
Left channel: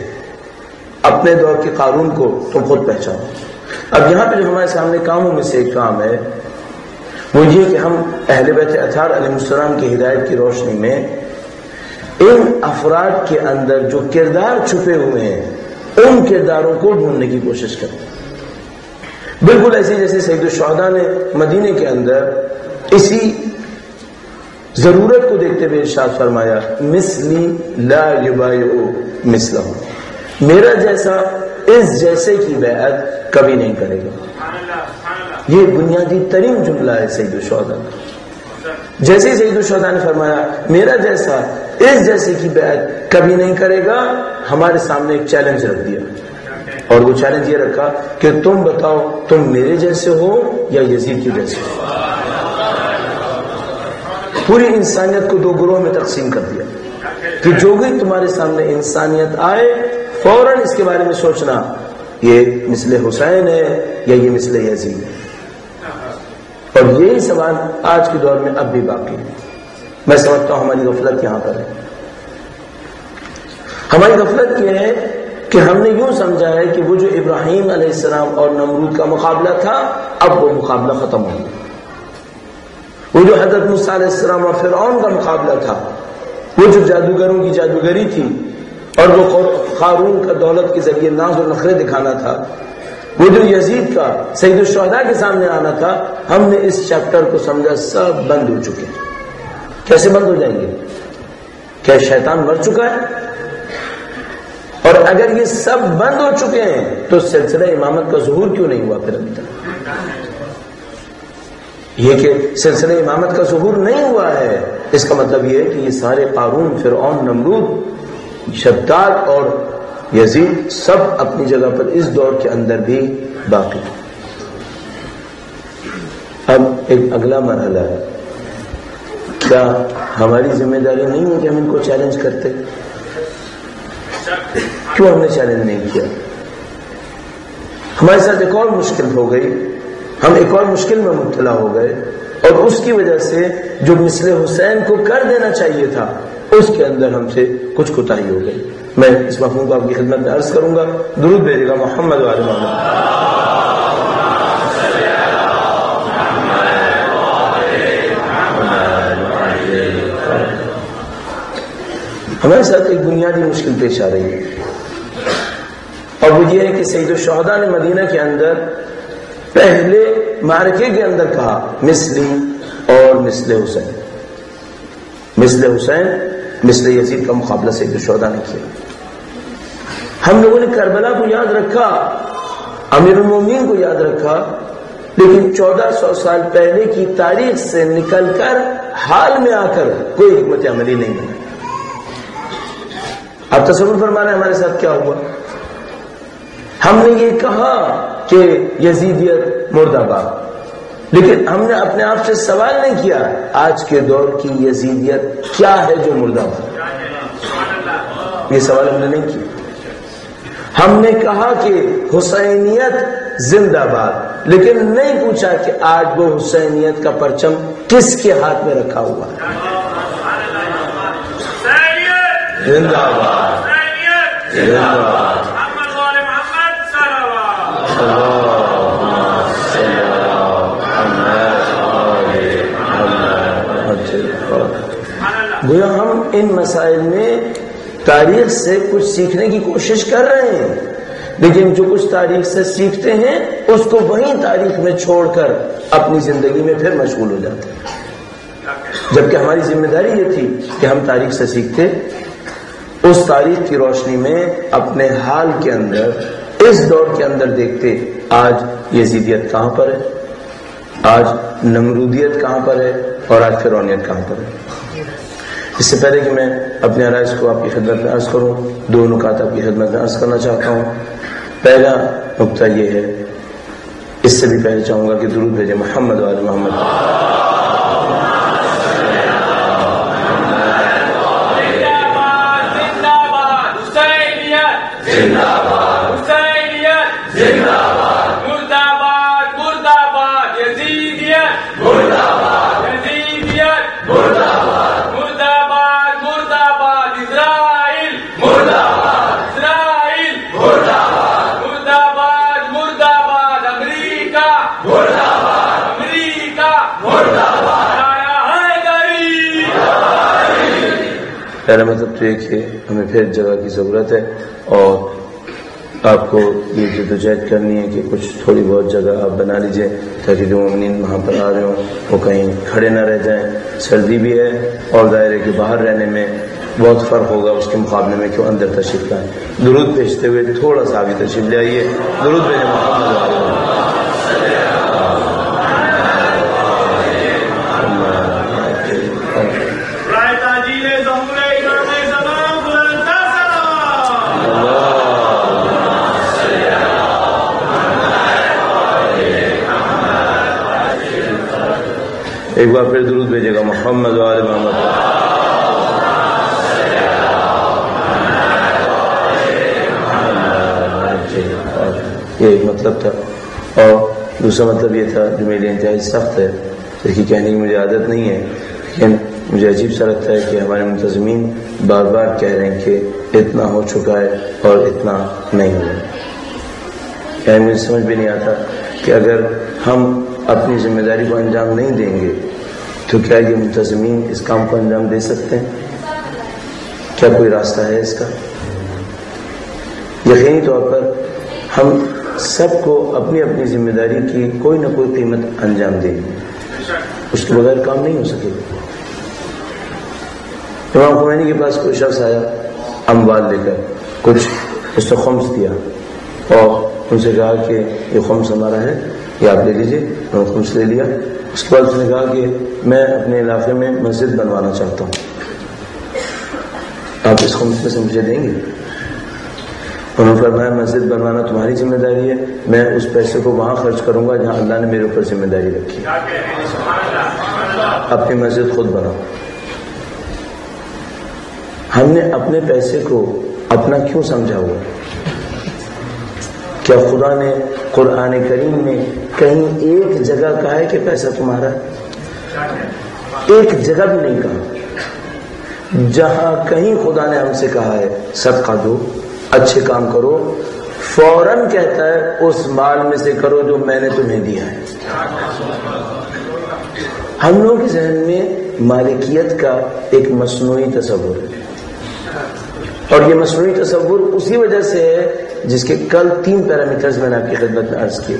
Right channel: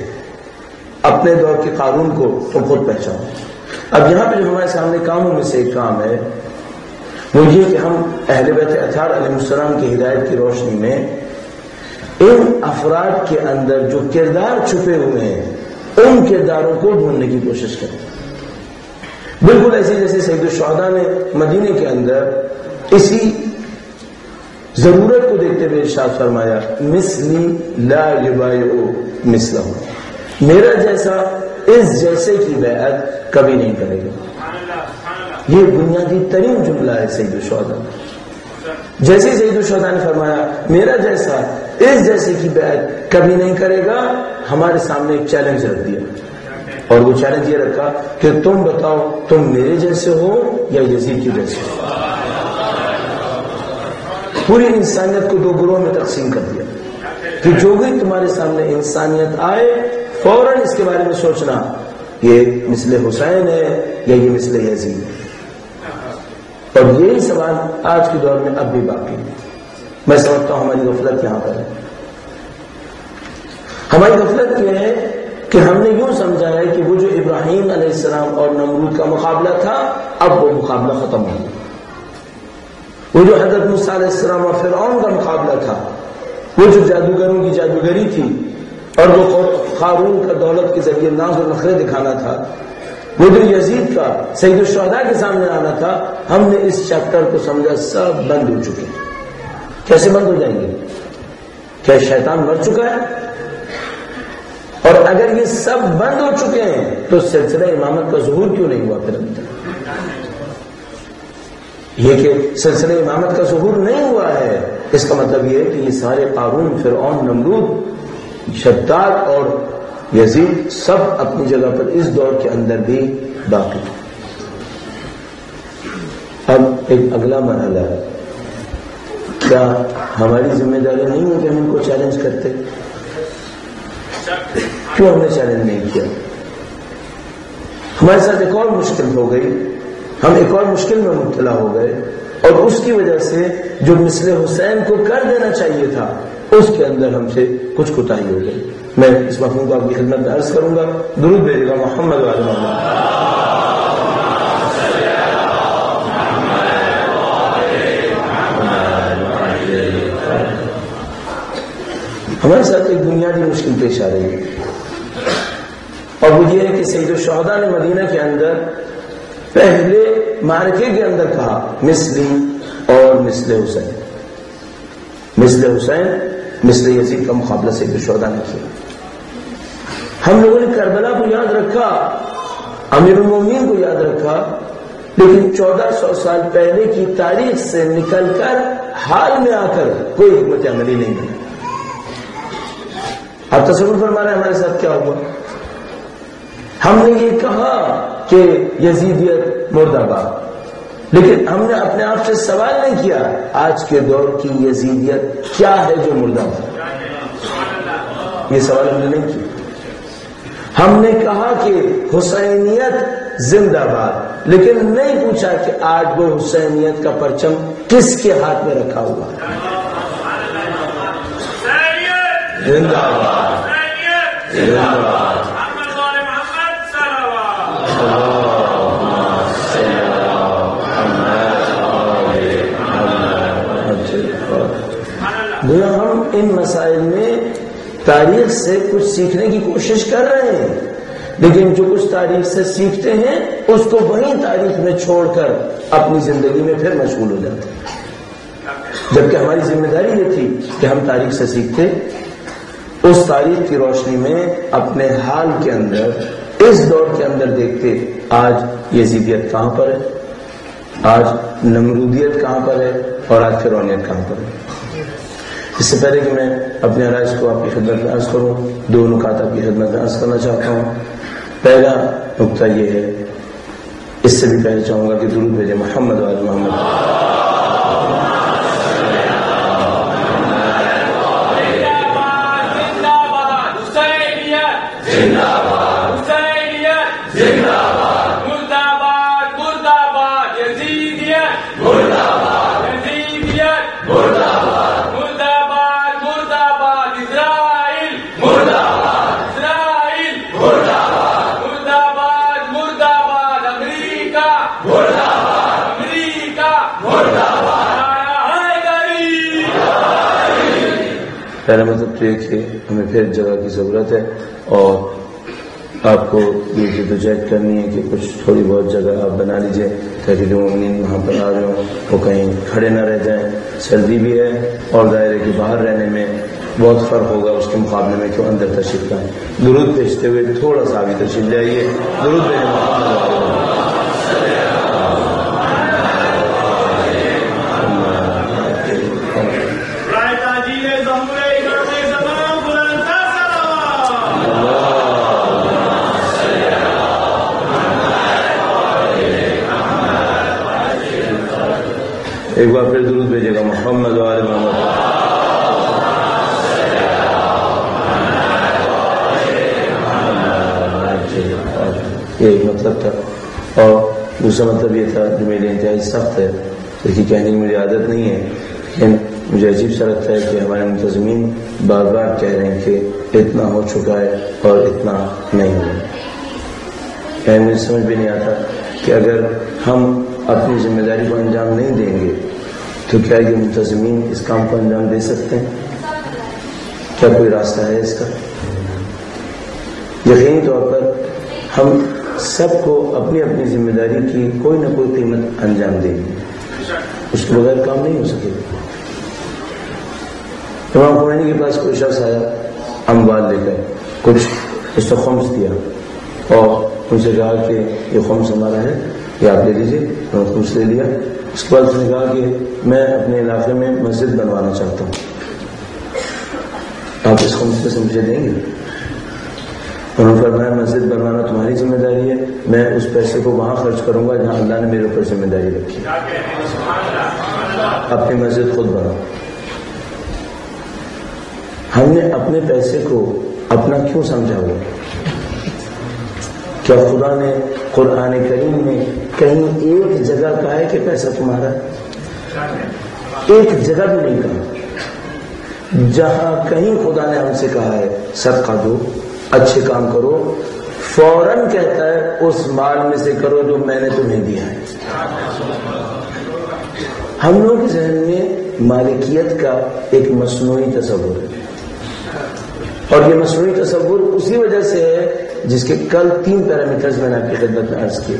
اپنے دور کے قارون کو تم خود پہچانو۔ اب یہاں پہ جو ہمارے سامنے کاموں میں سے ایک کام ہے وہ یہ کہ ہم اہل بیت اطہار علیہ السلام کی ہدایت کی روشنی میں ان افراد کے اندر جو کردار چھپے ہوئے ہیں، ان کرداروں کو ڈھونڈنے کی کوشش کریں۔ بالکل ایسے جیسے سید الشہداء نے مدینے کے اندر اسی ضرورت کو دیکھتے ہوئے ارشاد فرمایا، مثلی لا یبایع مثلہ، میرا جیسا اس جیسے کی بیعت کبھی نہیں کرے گا۔ یہ بنیادی ترین جملہ ہے سید الشہداء۔ جیسے سید الشہداء نے فرمایا میرا جیسا اس جیسے کی بیعت کبھی نہیں کرے گا، ہمارے سامنے ایک چیلنج رکھ دیا، اور وہ چیلنج یہ رکھا کہ تم بتاؤ تم میرے جیسے ہو یا یزید کے جیسے ہو۔ پوری انسانیت کو دو گروہ میں تقسیم کر دیا کہ جو بھی تمہارے سامنے انسانیت آئے فوراً اس کے بارے میں سوچنا یہ مثل حسین ہے یا یہ مثل یزید ہے۔ اور یہی سوال آج کے دور میں اب بھی باقی ہے۔ میں سمجھتا ہوں ہماری غفلت یہاں پر ہے۔ ہماری غفلت یہ ہے کہ ہم نے یوں سمجھا ہے کہ وہ جو ابراہیم علیہ السلام اور نمرود کا مقابلہ تھا، اب وہ مقابلہ ختم ہو گیا۔ وہ جو حضرت موسیٰ علیہ السلام اور فرعون کا مقابلہ تھا، وہ جو جادوگروں کی جادوگری تھی، اور وہ قارون کا دولت کے ذریعے ناز و نخرے دکھانا تھا، وہ جو یزید کا سید الشہداء کے سامنے آنا تھا، ہم نے اس چیپٹر کو سمجھا سب بند ہو چکے۔ کیسے بند ہو جائیں گے؟ کیا شیطان مر چکا ہے؟ اور اگر یہ سب بند ہو چکے ہیں تو سلسلہ امامت کا ظہور کیوں نہیں ہوا پھر ابھی تک؟ یہ کہ سلسلہ امامت کا ظہور نہیں ہوا ہے، اس کا مطلب یہ ہے کہ یہ سارے قارون، فرعون، نمرود، شداد اور یزید سب اپنی جگہ پر اس دور کے اندر بھی باقی ہیں۔ اب ایک اگلا مرحلہ ہے، کیا ہماری ذمہ داری نہیں ہے کہ ہم ان کو چیلنج کرتے؟ کیوں ہم نے چیلنج نہیں کیا؟ ہمارے ساتھ ایک اور مشکل ہو گئی، ہم ایک اور مشکل میں مبتلا ہو گئے، اور اس کی وجہ سے جو مثل حسین کو کر دینا چاہیے تھا اس کے اندر ہم سے کچھ کوتاہی ہو گئی۔ میں اس مفہوم کو آپ کی خدمت میں عرض کروں گا، درود بھیجے گا محمد وعلی محمد۔ ہمارے ساتھ ایک بنیادی مشکل پیش آ رہی ہے، اور وہ یہ ہے کہ سید الشہداء نے مدینہ کے اندر پہلے معرکے کے اندر کہا مثلی اور مثل حسین، مثل حسین مثل یزید کا مقابلہ سید الشہداء نے کیا۔ ہم لوگوں نے کربلا کو یاد رکھا، امیر المومنین کو یاد رکھا، لیکن 1400 سال پہلے کی تاریخ سے نکل کر حال میں آ کر کوئی حکمت عملی نہیں بنی۔ آپ تصور فرما رہے ہیں ہمارے ساتھ کیا ہوا؟ ہم نے یہ کہا کہ یزیدیت مرد آباد، لیکن ہم نے اپنے آپ سے سوال نہیں کیا آج کے دور کی یزیدیت کیا ہے جو مرد آباد؟ یہ سوال ہم نے نہیں کیا۔ ہم نے کہا کہ حسینیت زندہ باد، لیکن نہیں پوچھا کہ آج وہ حسینیت کا پرچم کس کے ہاتھ میں رکھا ہوا ہے؟ زندہ باد، زندہ باد۔ گویا ہم ان مسائل میں تاریخ سے کچھ سیکھنے کی کوشش کر رہے ہیں، لیکن جو کچھ تاریخ سے سیکھتے ہیں اس کو وہیں تاریخ میں چھوڑ کر اپنی زندگی میں پھر مشغول ہو جاتے ہیں، جبکہ ہماری ذمہ داری یہ تھی کہ ہم تاریخ سے سیکھتے، اس تاریخ کی روشنی میں اپنے حال کے اندر اس دور کے اندر دیکھتے آج یزیدیت کہاں پر ہے، آج نمرودیت کہاں پر ہے، اور آج فرعونیت کہاں پر ہے۔ اس سے پہلے کہ میں اپنے عرائض کو آپ کی خدمت میں عرض کروں، دو نکات آپ کی خدمت میں عرض کرنا چاہتا ہوں۔ پہلا نکتہ یہ ہے، اس سے بھی پہلے چاہوں گا کہ درود بھیجے محمد وعلی محمد۔ پہلا مطلب تو یہ کہ ہمیں پھر جگہ کی ضرورت ہے، اور آپ کو یہ جدوجہد کرنی ہے کہ کچھ تھوڑی بہت جگہ آپ بنا لیجئے تاکہ جو مومنین وہاں پر آ رہے ہوں وہ کہیں کھڑے نہ رہ جائیں۔ سردی بھی ہے اور دائرے کے باہر رہنے میں بہت فرق ہوگا اس کے مقابلے میں کہ اندر تشریف لائیں۔ درود بھیجتے ہوئے تھوڑا سا بھی تشریف لے آئیے۔ درود بھیجیں محمد وعلی محمد۔ ایک بار پھر درود بھیجے گا محمد وعلی محمد۔ یہ ایک مطلب تھا، اور دوسرا مطلب یہ تھا جو میرے انتہائی سخت ہے، دیکھیے کہنے کی مجھے عادت نہیں ہے، لیکن مجھے عجیب سا لگتا ہے کہ ہمارے منتظمین بار بار کہہ رہے ہیں کہ اتنا ہو چکا ہے اور اتنا نہیں ہوا۔ یعنی مجھے سمجھ بھی نہیں آتا کہ اگر ہم اپنی ذمہ داری کو انجام نہیں دیں گے تو کیا یہ منتظمین اس کام کو انجام دے سکتے ہیں؟ کیا کوئی راستہ ہے اس کا؟ یقینی طور پر ہم سب کو اپنی اپنی ذمہ داری کی کوئی نہ کوئی قیمت انجام دیں گے، اس کے بغیر کام نہیں ہو سکے گا۔ امام خمینی کے پاس کوئی شخص آیا اموال لے کر، کچھ اس کو خمس دیا اور ان سے کہا کہ یہ خمس ہمارا ہے، یہ آپ لے لیجیے. انہوں نے خمس لے لیا. اس کے بعد اس نے کہا کہ میں اپنے علاقے میں مسجد بنوانا چاہتا ہوں، آپ اس خمس میں سے مجھے دیں گے؟ انہوں نے فرمایا مسجد بنوانا تمہاری ذمہ داری ہے، میں اس پیسے کو وہاں خرچ کروں گا جہاں اللہ نے میرے اوپر ذمہ داری رکھی. اپنی مسجد خود بناؤ. ہم نے اپنے پیسے کو اپنا کیوں سمجھا ہوا؟ کیا خدا نے قرآن کریم میں کہیں ایک جگہ کہا ہے کہ پیسہ تمہارا؟ ایک جگہ بھی نہیں کہا. جہاں کہیں خدا نے ہم سے کہا ہے صدقہ دو، اچھے کام کرو، فوراً کہتا ہے اس مال میں سے کرو جو میں نے تمہیں دیا ہے. ہم لوگوں کے ذہن میں مالکیت کا ایک مصنوعی تصور ہے، اور یہ مصنوعی تصور اسی وجہ سے ہے جس کے کل 3 پیرامیٹرز میں نے آپ کی خدمت میں عرض کیے.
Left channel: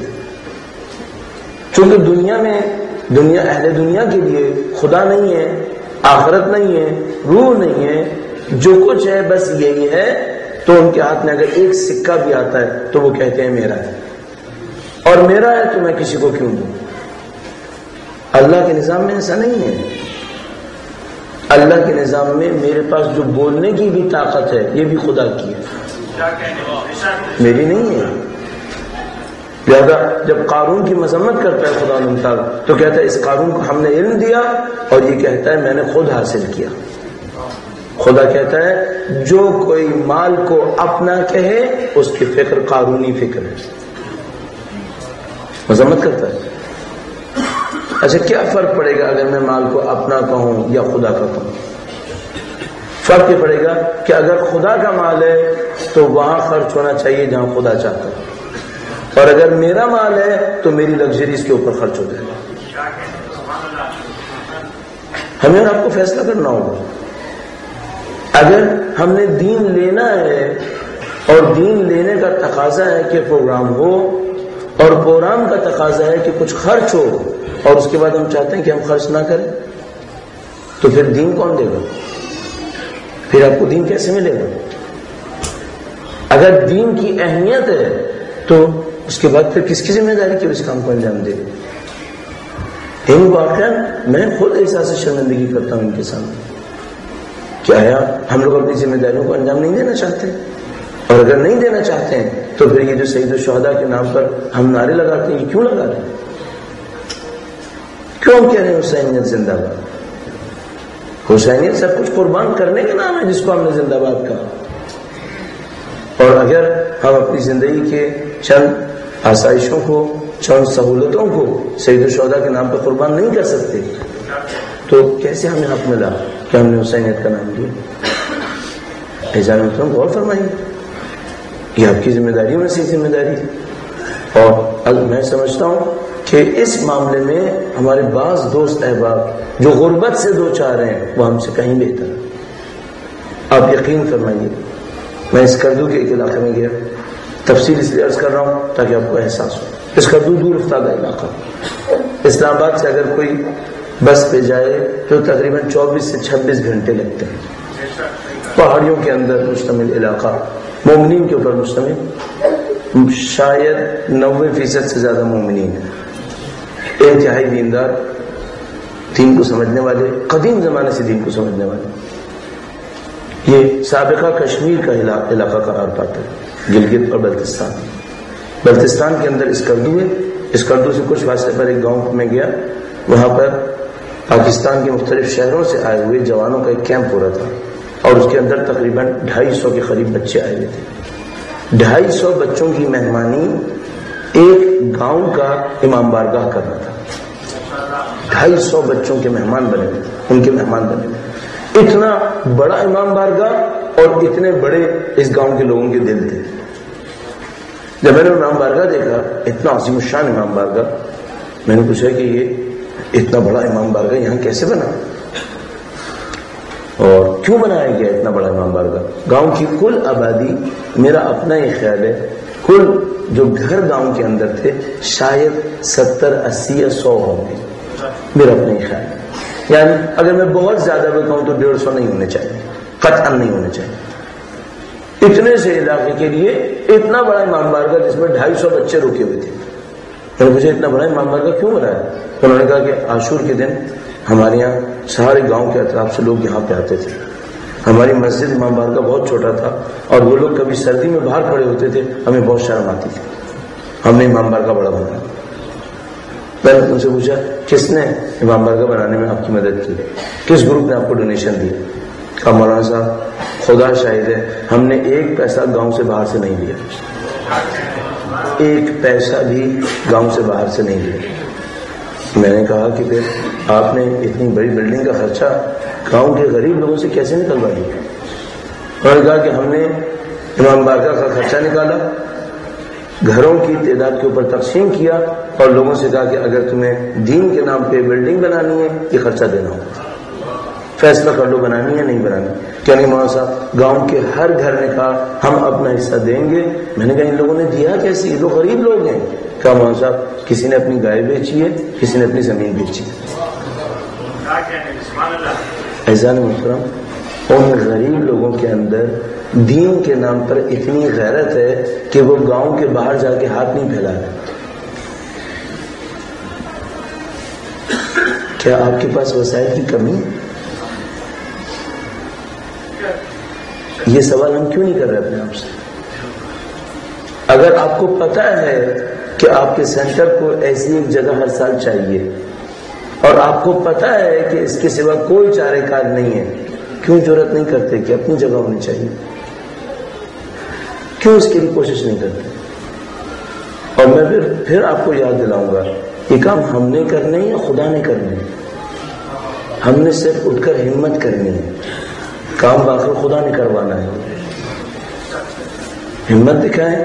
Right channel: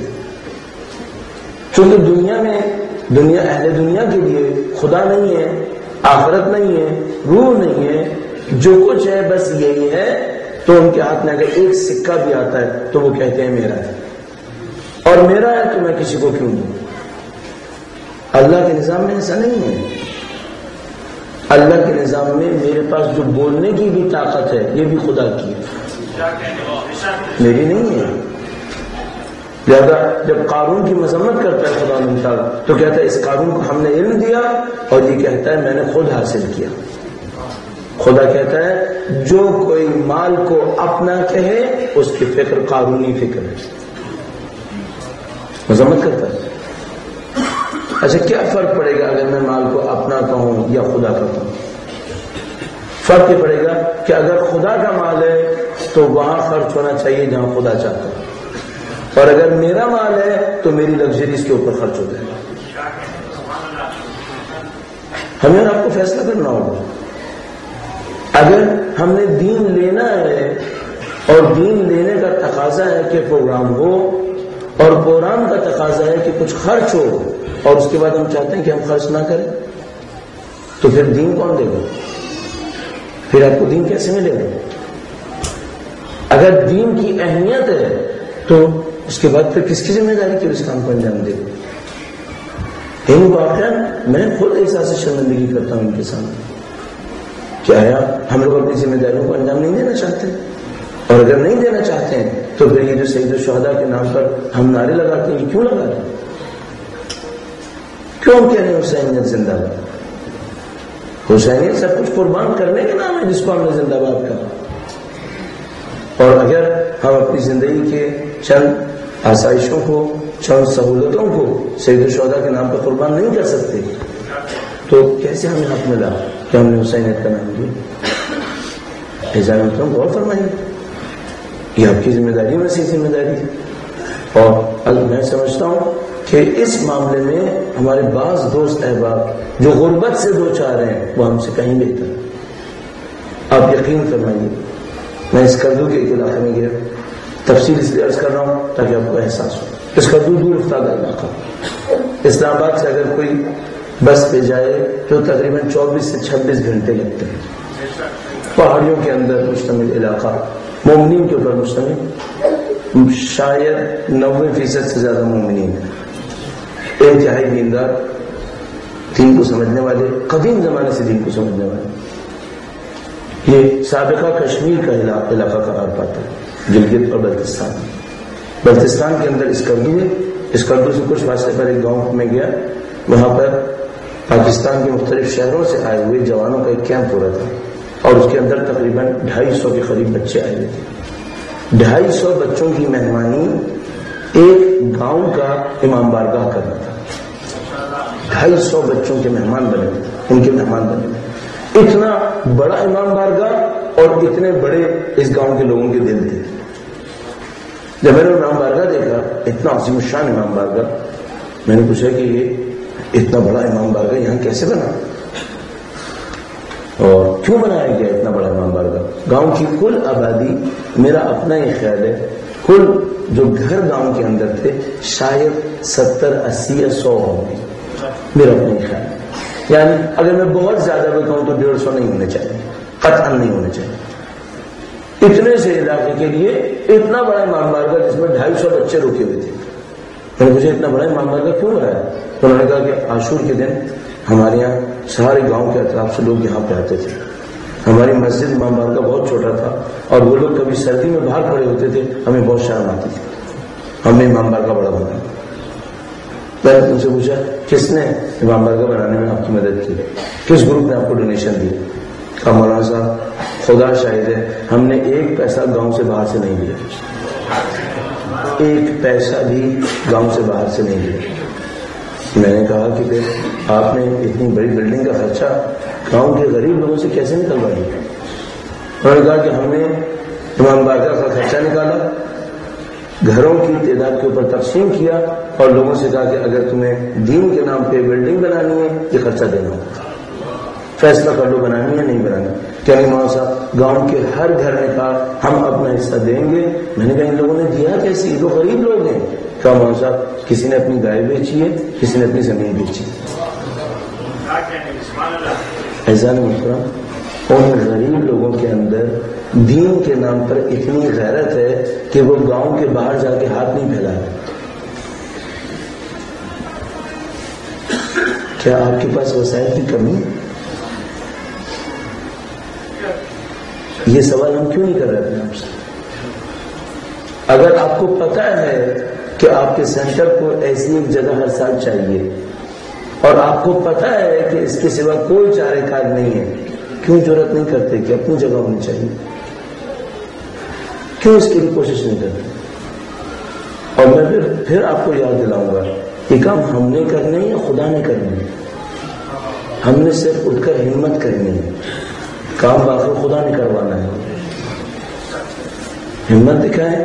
چونکہ دنیا اہل دنیا کے لیے خدا نہیں ہے، آخرت نہیں ہے، روح نہیں ہے، جو کچھ ہے بس یہی ہے. تو ان کے ہاتھ میں اگر ایک سکہ بھی آتا ہے تو وہ کہتے ہیں میرا ہے، اور میرا ہے تو میں کسی کو کیوں دوں. اللہ کے نظام میں ایسا نہیں ہے. اللہ کے نظام میں میرے پاس جو بولنے کی بھی طاقت ہے یہ بھی خدا کی ہے، میری نہیں ہے. لہذا جب قارون کی مذمت کرتا ہے خدا تعالیٰ تو کہتا ہے اس قارون کو ہم نے علم دیا، اور یہ کہتا ہے میں نے خود حاصل کیا. خدا کہتا ہے جو کوئی مال کو اپنا کہے اس کی فکر قارونی فکر ہے، مذمت کرتا ہے. اچھا کیا فرق پڑے گا اگر میں مال کو اپنا کہوں یا خدا کا کہوں؟ فرق یہ پڑے گا کہ اگر خدا کا مال ہے تو وہاں خرچ ہونا چاہیے جہاں خدا چاہتا ہے، اور اگر میرا مال ہے تو میری لگژری اس کے اوپر خرچ ہو جائے گا. ہمیں آپ کو فیصلہ کرنا ہوگا. اگر ہم نے دین لینا ہے اور دین لینے کا تقاضا ہے کہ پروگرام ہو، اور پروگرام کا تقاضا ہے کہ کچھ خرچ ہو، اور اس کے بعد ہم چاہتے ہیں کہ ہم خرچ نہ کریں، تو پھر دین کون دے گا؟ پھر آپ کو دین کیسے ملے گا؟ اگر دین کی اہمیت ہے تو اس کے بعد پھر کس کی ذمہ داری کہ اس کام کو انجام دے گا؟ ان واقعہ میں خود احساس شرمندگی کرتا ہوں ان کے سامنے. کیا ہے ہم لوگ اپنی ذمہ داریوں کو انجام نہیں دینا چاہتے؟ اور اگر نہیں دینا چاہتے ہیں تو پھر یہ جو سید الشہداء کے نام پر ہم نعرے لگاتے ہیں یہ کیوں لگا رہے ہیں؟ کیوں کہہ رہے ہیں حسینیت زندہ باد؟ حسینیت سب کچھ قربان کرنے کے نام ہے جس کو ہم نے زندہ باد کہا. اور اگر ہم اپنی زندگی کے چند آسائشوں کو، چند سہولتوں کو سید الشہداء کے نام پر قربان نہیں کر سکتے تو کیسے ہمیں حق ملا کہ ہم نے حسینیت کا نام لیا؟ اعزاز محترم غور فرمائیے، یہ آپ کی ذمہ داری میں سے ذمہ داری ہے. اور میں سمجھتا ہوں کہ اس معاملے میں ہمارے بعض دوست احباب جو غربت سے دو چار ہیں وہ ہم سے کہیں بہتر ہیں. آپ یقین فرمائیے، میں اس کردو کے ایک علاقے میں گیا، تفصیل اس لیے عرض کر رہا ہوں تاکہ آپ کو احساس ہو. اس کردو دور افتادہ علاقہ، اسلام آباد سے اگر کوئی بس پہ جائے تو تقریباً 24 سے 26 گھنٹے لگتے ہیں. پہاڑیوں کے اندر مشتمل علاقہ، مومنین کے اوپر مشتمل، شاید 90% سے زیادہ مومنین ہیں، انتہائی دیندار، دین کو سمجھنے والے، قدیم زمانے سے دین کو سمجھنے والے. یہ سابقہ کشمیر کا علاقہ قرار پاتا ہے، گلگت اور بلتستان. بلتستان کے اندر اسکردو ہے. اسکردو سے کچھ فاصلے پر ایک گاؤں میں گیا، وہاں پر پاکستان کے مختلف شہروں سے آئے ہوئے جوانوں کا ایک کیمپ ہو رہا تھا، اور اس کے اندر تقریباً 250 کے قریب بچے آئے ہوئے تھے. 250 بچوں کی مہمانی ایک گاؤں کا امام بارگاہ کر رہا تھا. 250 بچوں کے مہمان بنے ہوئے، ان کے مہمان بنے ہوئے. اتنا بڑا امام بارگاہ اور اتنے بڑے اس گاؤں کے لوگوں کے دل تھے. جب میں نے امام بارگاہ دیکھا، اتنا عظیم الشان امام بارگاہ، میں نے پوچھا کہ یہ اتنا بڑا امام بارگاہ یہاں کیسے بنا اور کیوں بنایا گیا اتنا بڑا امام بارگاہ؟ گاؤں کی کل آبادی، میرا اپنا ہی خیال ہے، کل جو گھر گاؤں کے اندر تھے شاید 70 80 یا 100 ہوں گے، میرا اپنا ہی خیال ہے. یعنی اگر میں بہت زیادہ بھی کہوں تو 150 نہیں ہونے چاہیے، قطعاً نہیں ہونے چاہیے. اتنے سے علاقے کے لیے اتنا بڑا امام بارگاہ جس میں 250 بچے رکے ہوئے تھے. میں نے مجھے اتنا بڑا امام بارگاہ کیوں بنا ہے؟ انہوں نے کہا کہ عاشور کے دن ہمارے یہاں سارے گاؤں کے اطراف سے لوگ یہاں پہ آتے تھے. ہماری مسجد امام بارگاہ بہت چھوٹا تھا اور وہ لوگ کبھی سردی میں باہر کھڑے ہوتے تھے, ہمیں بہت شرم آتی تھی. ہم نے امام بارگاہ بڑا بنایا. میں نے ان سے پوچھا کس نے امام بارگاہ بنانے میں آپ کی مدد کی, کس گروپ نے آپ کو ڈونیشن دی؟ کہا مولانا صاحب خدا شاہد ہے ہم نے ایک پیسہ گاؤں سے باہر سے نہیں لیا, ایک پیسہ بھی گاؤں سے باہر سے نہیں لیا. میں نے کہا کہ پھر آپ نے اتنی بڑی بلڈنگ کا خرچہ گاؤں کے غریب لوگوں سے کیسے نکلوا دیا؟ انہوں نے کہا کہ ہم نے امام بارگاہ کا خرچہ نکالا, گھروں کی تعداد کے اوپر تقسیم کیا اور لوگوں سے کہا کہ اگر تمہیں دین کے نام پہ بلڈنگ بنانی ہے یہ خرچہ دینا ہوگا, فیصلہ کر لو بنانی ہے نہیں بنانی. کیا نہیں مولانا صاحب گاؤں کے ہر گھر نے کہا ہم اپنا حصہ دیں گے. میں نے کہا ان لوگوں نے دیا کیسے, یہ تو غریب لوگ ہیں. کہا مولانا صاحب کسی نے اپنی گائے بیچی ہے, کسی نے اپنی زمین بیچی ہے. عزیزان محترم, ان غریب لوگوں کے اندر دین کے نام پر اتنی غیرت ہے کہ وہ گاؤں کے باہر جا کے ہاتھ نہیں پھیلا رہے. کیا آپ کے پاس وسائل کی کمی؟ یہ سوال ہم کیوں نہیں کر رہے اپنے آپ سے؟ اگر آپ کو پتا ہے کہ آپ کے سینٹر کو ایسی ایک جگہ ہر سال چاہیے اور آپ کو پتا ہے کہ اس کے سوا کوئی چارہ کار نہیں ہے, کیوں جرات نہیں کرتے کہ اپنی جگہ ہونی چاہیے؟ کیوں اس کے لیے کوشش نہیں کرتے؟ اور میں پھر آپ کو یاد دلاؤں گا یہ کام ہم نے کرنے یا خدا نے کرنے؟ ہم نے صرف اٹھ کر ہمت کرنی ہے, کام باقی خدا نے کروانا ہے. ہمت دکھائیں,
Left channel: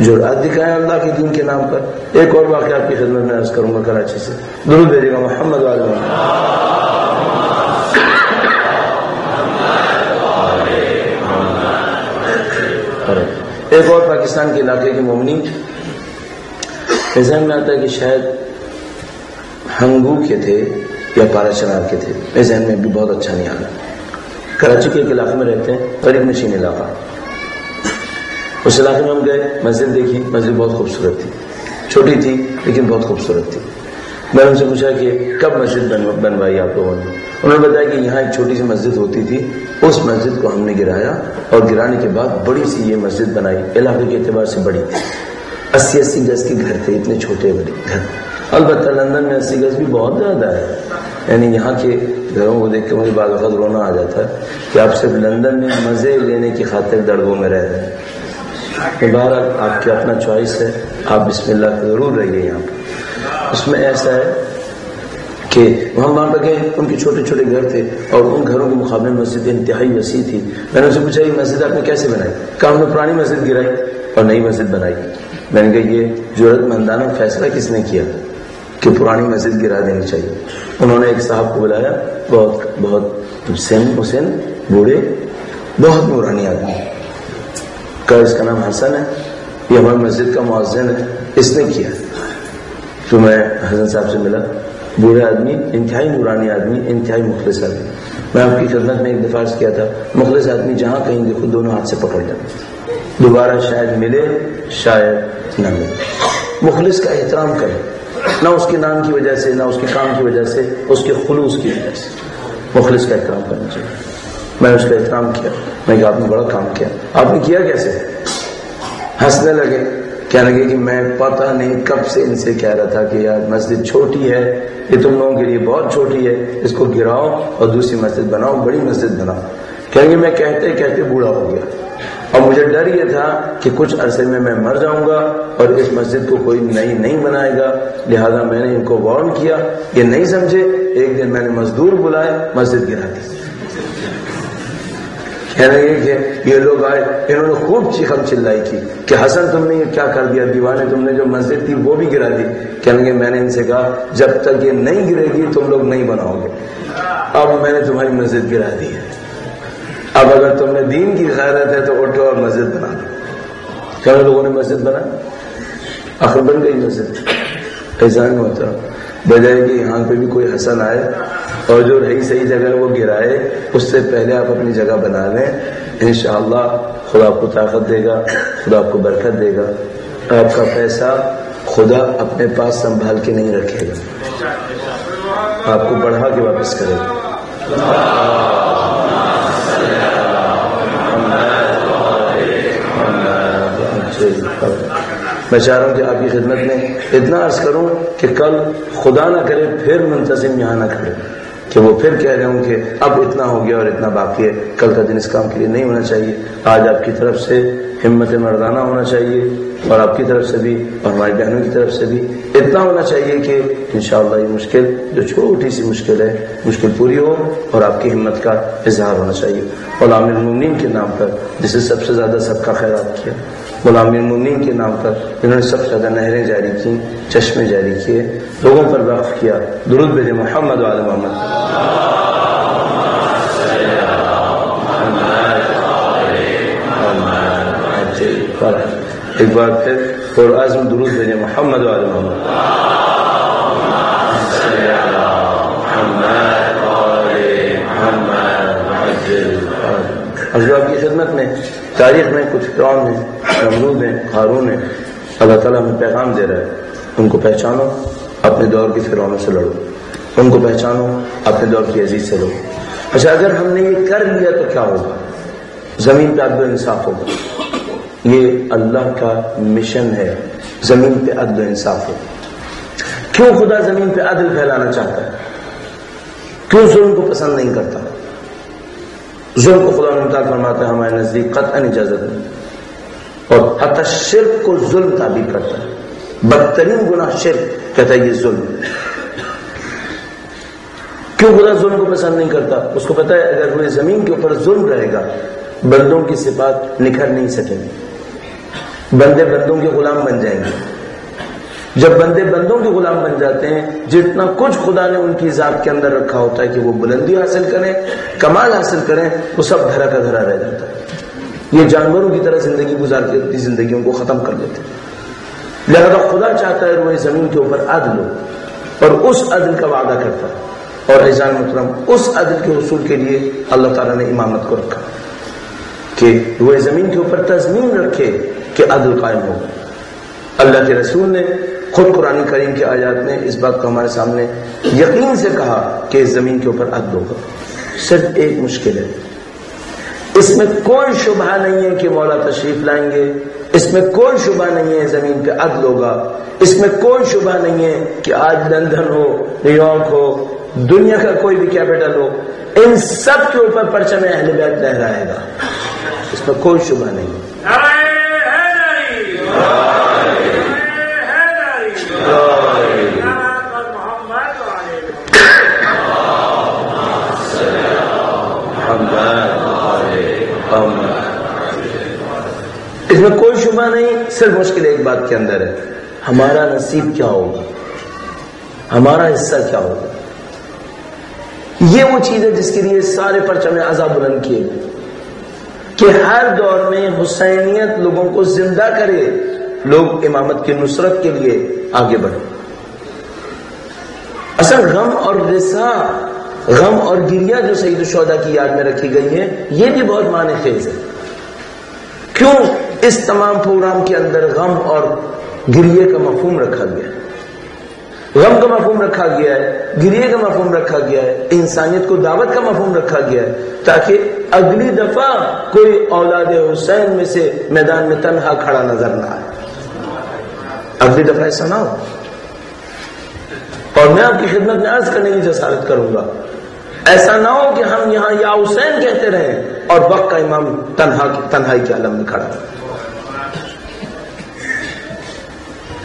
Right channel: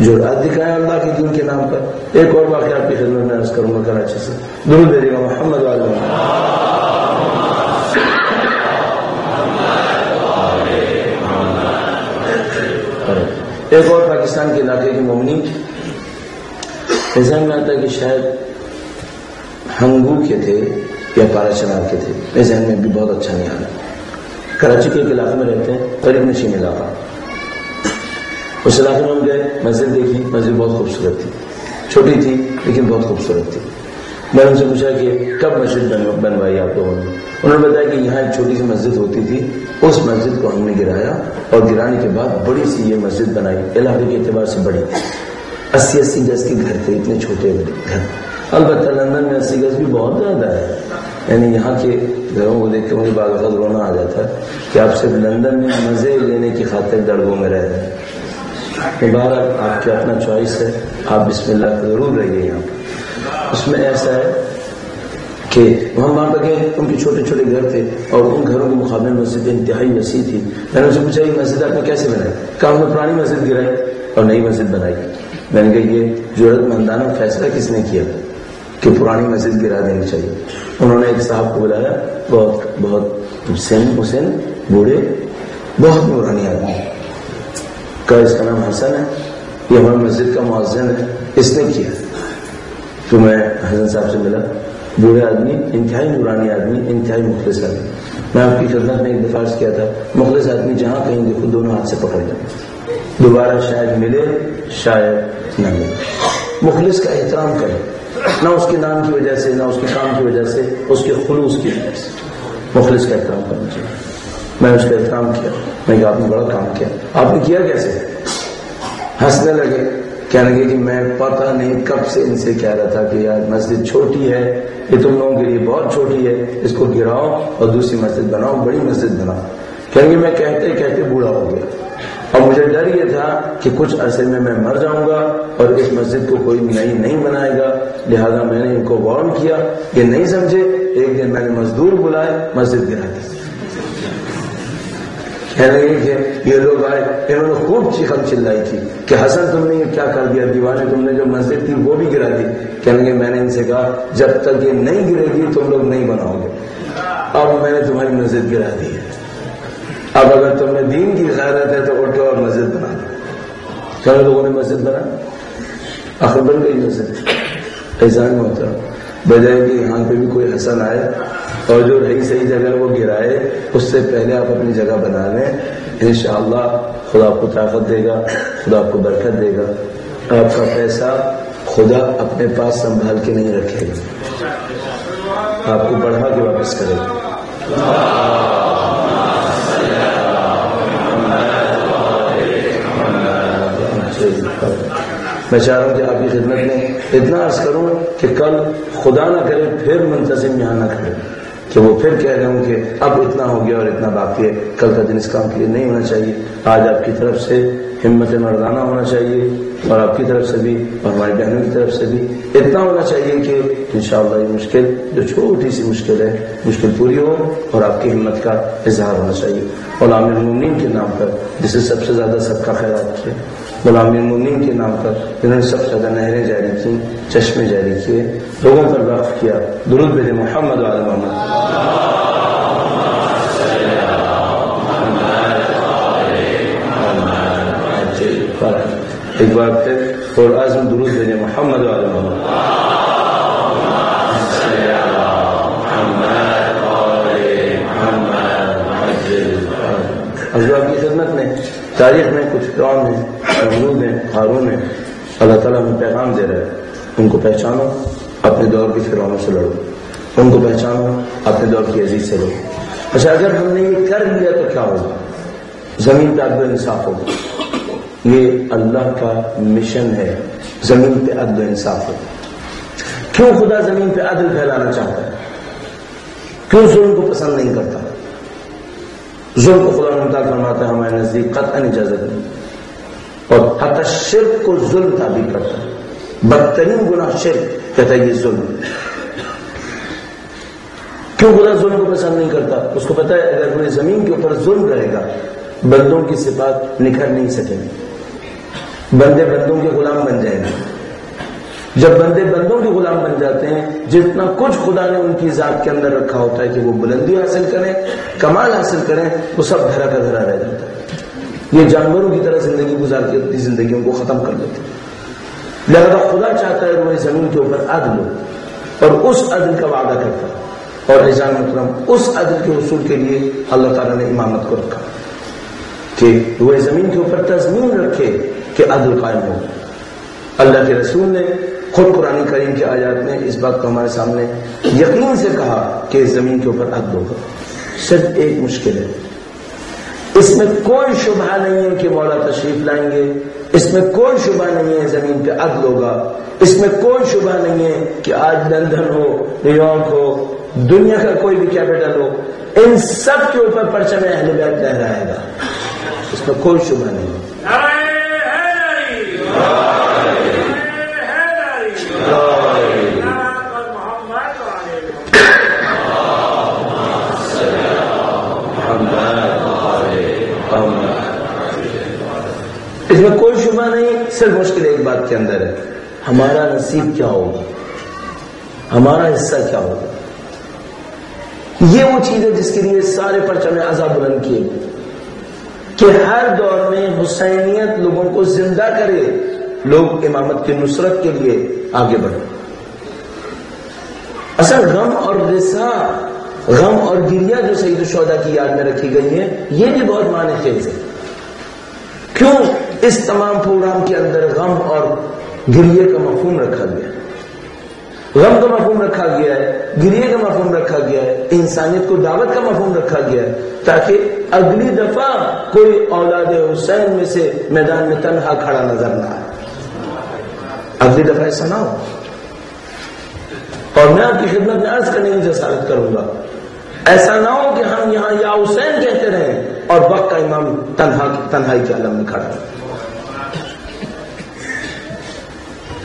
جرات دکھائیں اللہ کے دین کے نام پر. ایک اور واقعہ آپ کی خدمت میں عرض کروں گا کراچی سے, درود بھیجیے گا محمد علیہ وسلم. ایک اور پاکستان کے علاقے کے مومنی ذہن میں آتا ہے کہ شاید ہنگو کے تھے یا پارا چنار کے تھے, میرے ذہن میں بھی بہت اچھا نہیں آ رہا. کراچی کے ایک علاقے میں رہتے ہیں, غریب نشین علاقہ. اس علاقے میں ہم گئے, مسجد دیکھی, مسجد بہت خوبصورت تھی, چھوٹی تھی لیکن بہت خوبصورت تھی. میں نے ان سے پوچھا کہ کب مسجد بنوائی آپ لوگوں نے؟ انہوں نے بتایا کہ یہاں ایک چھوٹی سی مسجد ہوتی تھی, اس مسجد کو ہم نے گرایا اور گرانے کے بعد بڑی سی یہ مسجد بنائی. علاقے کے اعتبار سے بڑی تھی, 80 گز کے گھر تھے, اتنے چھوٹے بڑے گھر. البتہ لندن میں 80 گز بھی بہت زیادہ ہے, یعنی یہاں کے گھروں کو دیکھ کے مجھے بعض وقت رونا آ جاتا ہے کہ آپ صرف لندن میں مزے لینے کی خاطر دڑبوں میں رہ رہے ہیں. بہرحال آپ کی اپنا چوائس ہے, آپ بسم اللہ ضرور رہیے یہاں پر. اس میں ایسا ہے کہ ہم وہاں پر گئے, ان کے چھوٹے چھوٹے گھر تھے اور ان گھروں کے مقابلے مسجد انتہائی وسیع تھی. میں نے ان سے پوچھا یہ مسجد آپ نے کیسے بنائی؟ کہا ہم نے پرانی مسجد گرائی اور نئی مسجد بنائی. میں نے کہا یہ ضرورت مندانہ فیصلہ کس نے کیا کہ پرانی مسجد گرا دینی چاہیے؟ انہوں نے ایک صاحب کو بلایا, بہت حسین بوڑھے, بہت نورانی آدمی. کہا اس کا نام حسن ہے, یہ ہماری مسجد کا مؤذن ہے, اس نے کیا. تو میں حسن صاحب سے ملا, بوڑھے آدمی, انتہائی نورانی آدمی, انتہائی مخلص آدمی. میں آپ کی خدمت میں ایک دفعہ عرض کیا تھا, مخلص آدمی جہاں کہیں گے خود دونوں ہاتھ سے پکڑ جائیں, دوبارہ شاید ملے شاید نہ ملے. مخلص کا احترام کریں, نہ اس کے نام کی وجہ سے, نہ اس کے کام کی وجہ سے, اس کے خلوص کی وجہ سے. مخلص کا احترام کرنا چاہیے. میں نے اس کا احترام کیا, میں نے کہا آپ نے بڑا کام کیا. آپ نے کیا کیسے؟ ہنسنے لگے, کہنے لگے کہ میں پتہ نہیں کب سے ان سے کہہ رہا تھا کہ یار مسجد چھوٹی ہے, یہ تم لوگوں کے لیے بہت چھوٹی ہے, اس کو گراؤ اور دوسری مسجد بناؤ, بڑی مسجد بناؤ. کہیں گے میں کہتے کہتے بوڑھا ہو گیا اور مجھے ڈر یہ تھا کہ کچھ عرصے میں مر جاؤں گا اور اس مسجد کو کوئی نئی نہیں بنائے گا, لہذا میں نے ان کو وارن کیا, یہ نہیں سمجھے. ایک دن میں نے مزدور بلائے, مسجد گرا دی. کہنے لگے کہ یہ لوگ آئے, انہوں نے خوب چیخم چلائی کی کہ حسن تم نے یہ کیا کر دیا, دیوانے تم نے جو مسجد تھی وہ بھی گرا دی. کہنے لگے میں نے ان سے کہا جب تک یہ نہیں گرے گی تم لوگ نہیں بناؤ گے. اب میں نے تمہاری مسجد گرا دی ہے, اب اگر تم نے دین کی غیرت ہے تو اٹھو اور مسجد بنا دو. کئی لوگوں نے مسجد بنا, آخر بن گئی مسجد. ایسا نہیں ہوتا. بجائے کہ یہاں پہ بھی کوئی حسن آئے اور جو رہی صحیح جگہ وہ گرائے، اس سے پہلے آپ اپنی جگہ بنا لیں. انشاءاللہ خدا آپ کو طاقت دے گا، خدا آپ کو برکت دے گا. آپ کا پیسہ خدا اپنے پاس سنبھال کے نہیں رکھے گا، آپ کو بڑھا کے واپس کرے گا. میں چاہ رہا ہوں کہ آپ کی خدمت میں اتنا عرض کروں کہ کل خدا نہ کرے پھر منتظم یہاں نہ کھڑے کہ وہ پھر کہہ رہے ہوں کہ اب اتنا ہو گیا اور اتنا باقی ہے. کل کا دن اس کام کے لیے نہیں ہونا چاہیے. آج آپ کی طرف سے ہمت مردانہ ہونا چاہیے، اور آپ کی طرف سے بھی اور ہماری بہنوں کی طرف سے بھی اتنا ہونا چاہیے کہ انشاءاللہ یہ مشکل جو چھوٹی سی مشکل ہے مشکل پوری ہو، اور آپ کی ہمت کا اظہار ہونا چاہیے. غلام المومنین کے نام پر جسے سب سے زیادہ صدقہ خیرات کیا، غلام المومنین کے نام پر جنہوں نے سب سے زیادہ نہریں جاری کی، چشمے جاری کیے، لوگوں پر وقف کیا. درود بھیجے محمد وعلی محمد. ایک بار پھر اور عزم درود بھیجے محمد وعلی محمد. حضرات کی خدمت میں تاریخ میں کچھ فرعون ہیں، نمرود ہیں، ہارون ہیں. اللہ تعالیٰ ہمیں پیغام دے رہا ہے، ان کو پہچانو، اپنے دور کی فرعونوں سے لڑو. ان کو پہچانو، اپنے دور کی عزیز سے لڑو. اچھا، اگر ہم نے یہ کر لیا تو کیا ہوگا؟ زمین پہ عدل و انصاف ہوگا. یہ اللہ کا مشن ہے، زمین پہ عدل و انصاف ہو. کیوں خدا زمین پہ عدل پھیلانا چاہتا ہے؟ کیوں ظلم کو پسند نہیں کرتا؟ ظلم کو خدا ممتاز فرماتا ہے ہمارے نزدیک قطعاً اجازت نہیں، اور حتی شرک کو ظلم تعبیر کرتا ہے. بدترین گناہ شرک کہتا ہے یہ ظلم. کیوں خدا ظلم کو پسند نہیں کرتا؟ اس کو پتا ہے اگر پوری زمین کے اوپر ظلم رہے گا بندوں کی صفات نکھر نہیں سکیں گے، بندے بندوں کے غلام بن جائیں گے. جب بندے بندوں کے غلام بن جاتے ہیں، جتنا کچھ خدا نے ان کی ذات کے اندر رکھا ہوتا ہے کہ وہ بلندی حاصل کریں، کمال حاصل کریں، وہ سب دھرا کا دھرا رہ جاتا ہے. یہ جانوروں کی طرح زندگی گزار کے اپنی زندگیوں کو ختم کر دیتے ہیں. لہذا خدا چاہتا ہے وہ زمین کے اوپر عدل ہو، اور اس عدل کا وعدہ کرتا ہے. اور عزیزان محترم، اس عدل کے حصول کے لیے اللہ تعالیٰ نے امامت کو رکھا کہ وہ زمین کے اوپر تضمین رکھے کہ عدل قائم ہو. اللہ کے رسول نے خود قرآن کریم کی آیات میں اس بات کو ہمارے سامنے یقین سے کہا کہ اس زمین کے اوپر عدل ہوگا. صرف ایک مشکل ہے، اس میں کوئی شبہ نہیں ہے کہ مولا تشریف لائیں گے، اس میں کوئی شبہ نہیں ہے زمین پہ عدل ہوگا، اس میں کوئی شبہ نہیں ہے کہ آج لندن ہو، نیو یارک ہو، دنیا کا کوئی بھی کیپٹل ہو، ان سب کے اوپر پرچم اہل بیت لہرائے گا. اس میں کوئی شبہ نہیں ہے. اس میں کوئی شبہ نہیں. صرف مشکل ایک بات کے اندر ہے، ہمارا نصیب کیا ہوگا، ہمارا حصہ کیا ہوگا. یہ وہ چیز ہے جس کے لیے سارے پرچم عذاب بلند کیے کہ ہر دور میں حسینیت لوگوں کو زندہ کرے، لوگ امامت کی نصرت کے لیے آگے بڑھے. اصل غم اور رسا، غم اور گریہ جو سید الشہداء کی یاد میں رکھی گئی ہے، یہ بھی بہت معنی خیز ہے. کیوں اس تمام پروگرام کے اندر غم اور گریہ کا مفہوم رکھا گیا ہے؟ غم کا مفہوم رکھا گیا ہے، گریہ کا مفہوم رکھا گیا ہے، انسانیت کو دعوت کا مفہوم رکھا گیا ہے، تاکہ اگلی دفعہ کوئی اولاد حسین میں سے میدان میں تنہا کھڑا نظر نہ آئے. اگلی دفعہ ایسا نہ ہو. اور میں آپ کی خدمت میں عرض کرنے کی جسارت کروں گا، ایسا نہ ہو کہ ہم یہاں یا حسین کہتے رہیں اور وقت کا امام تنہائی کے عالم میں کھڑا.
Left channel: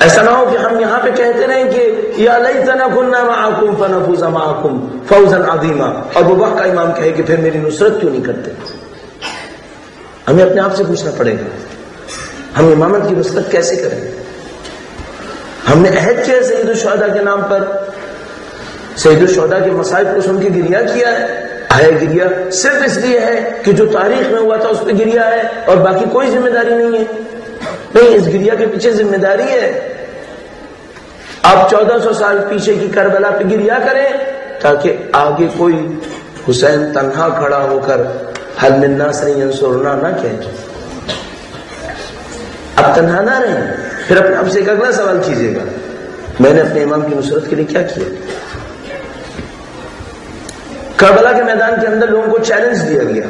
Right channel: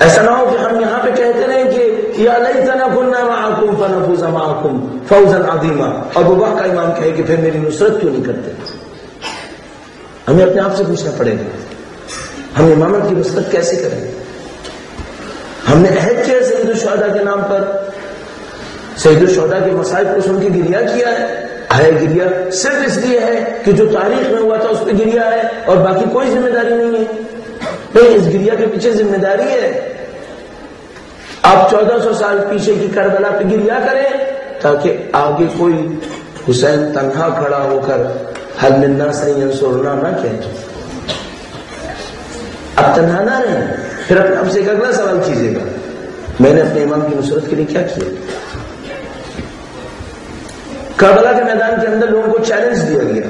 ایسا نہ ہو کہ ہم یہاں پہ کہتے رہیں کہ یا لیتنا کنا معکم فنفوز معکم فوزا عظیما، اور وہ وقت کا امام کہے کہ پھر میری نصرت کیوں نہیں کرتے. ہمیں اپنے آپ سے پوچھنا پڑے گا ہم امامت کی نصرت کیسے کریں. ہم نے عہد کیا سید الشہداء کے نام پر، سید الشہداء کے مصائب کو سن کے گریہ کیا ہے. گریہ صرف اس لیے ہے کہ جو تاریخ میں ہوا تھا اس پہ گریہ ہے اور باقی کوئی ذمہ داری نہیں ہے. نہیں، اس گریہ کے پیچھے ذمہ داری ہے. آپ 1400 سال پیچھے کی کربلا پہ گریا کریں تاکہ آگے کوئی حسین تنہا کھڑا ہو کر حل من الناس ینصرنا نہ کہے. اب تنہا نہ رہیں. پھر اپنے آپ سے ایک اگلا سوال کیجیے گا، میں نے اپنے امام کی نصرت کے لیے کیا کیا؟ کربلا کے میدان کے اندر لوگوں کو چیلنج دیا گیا،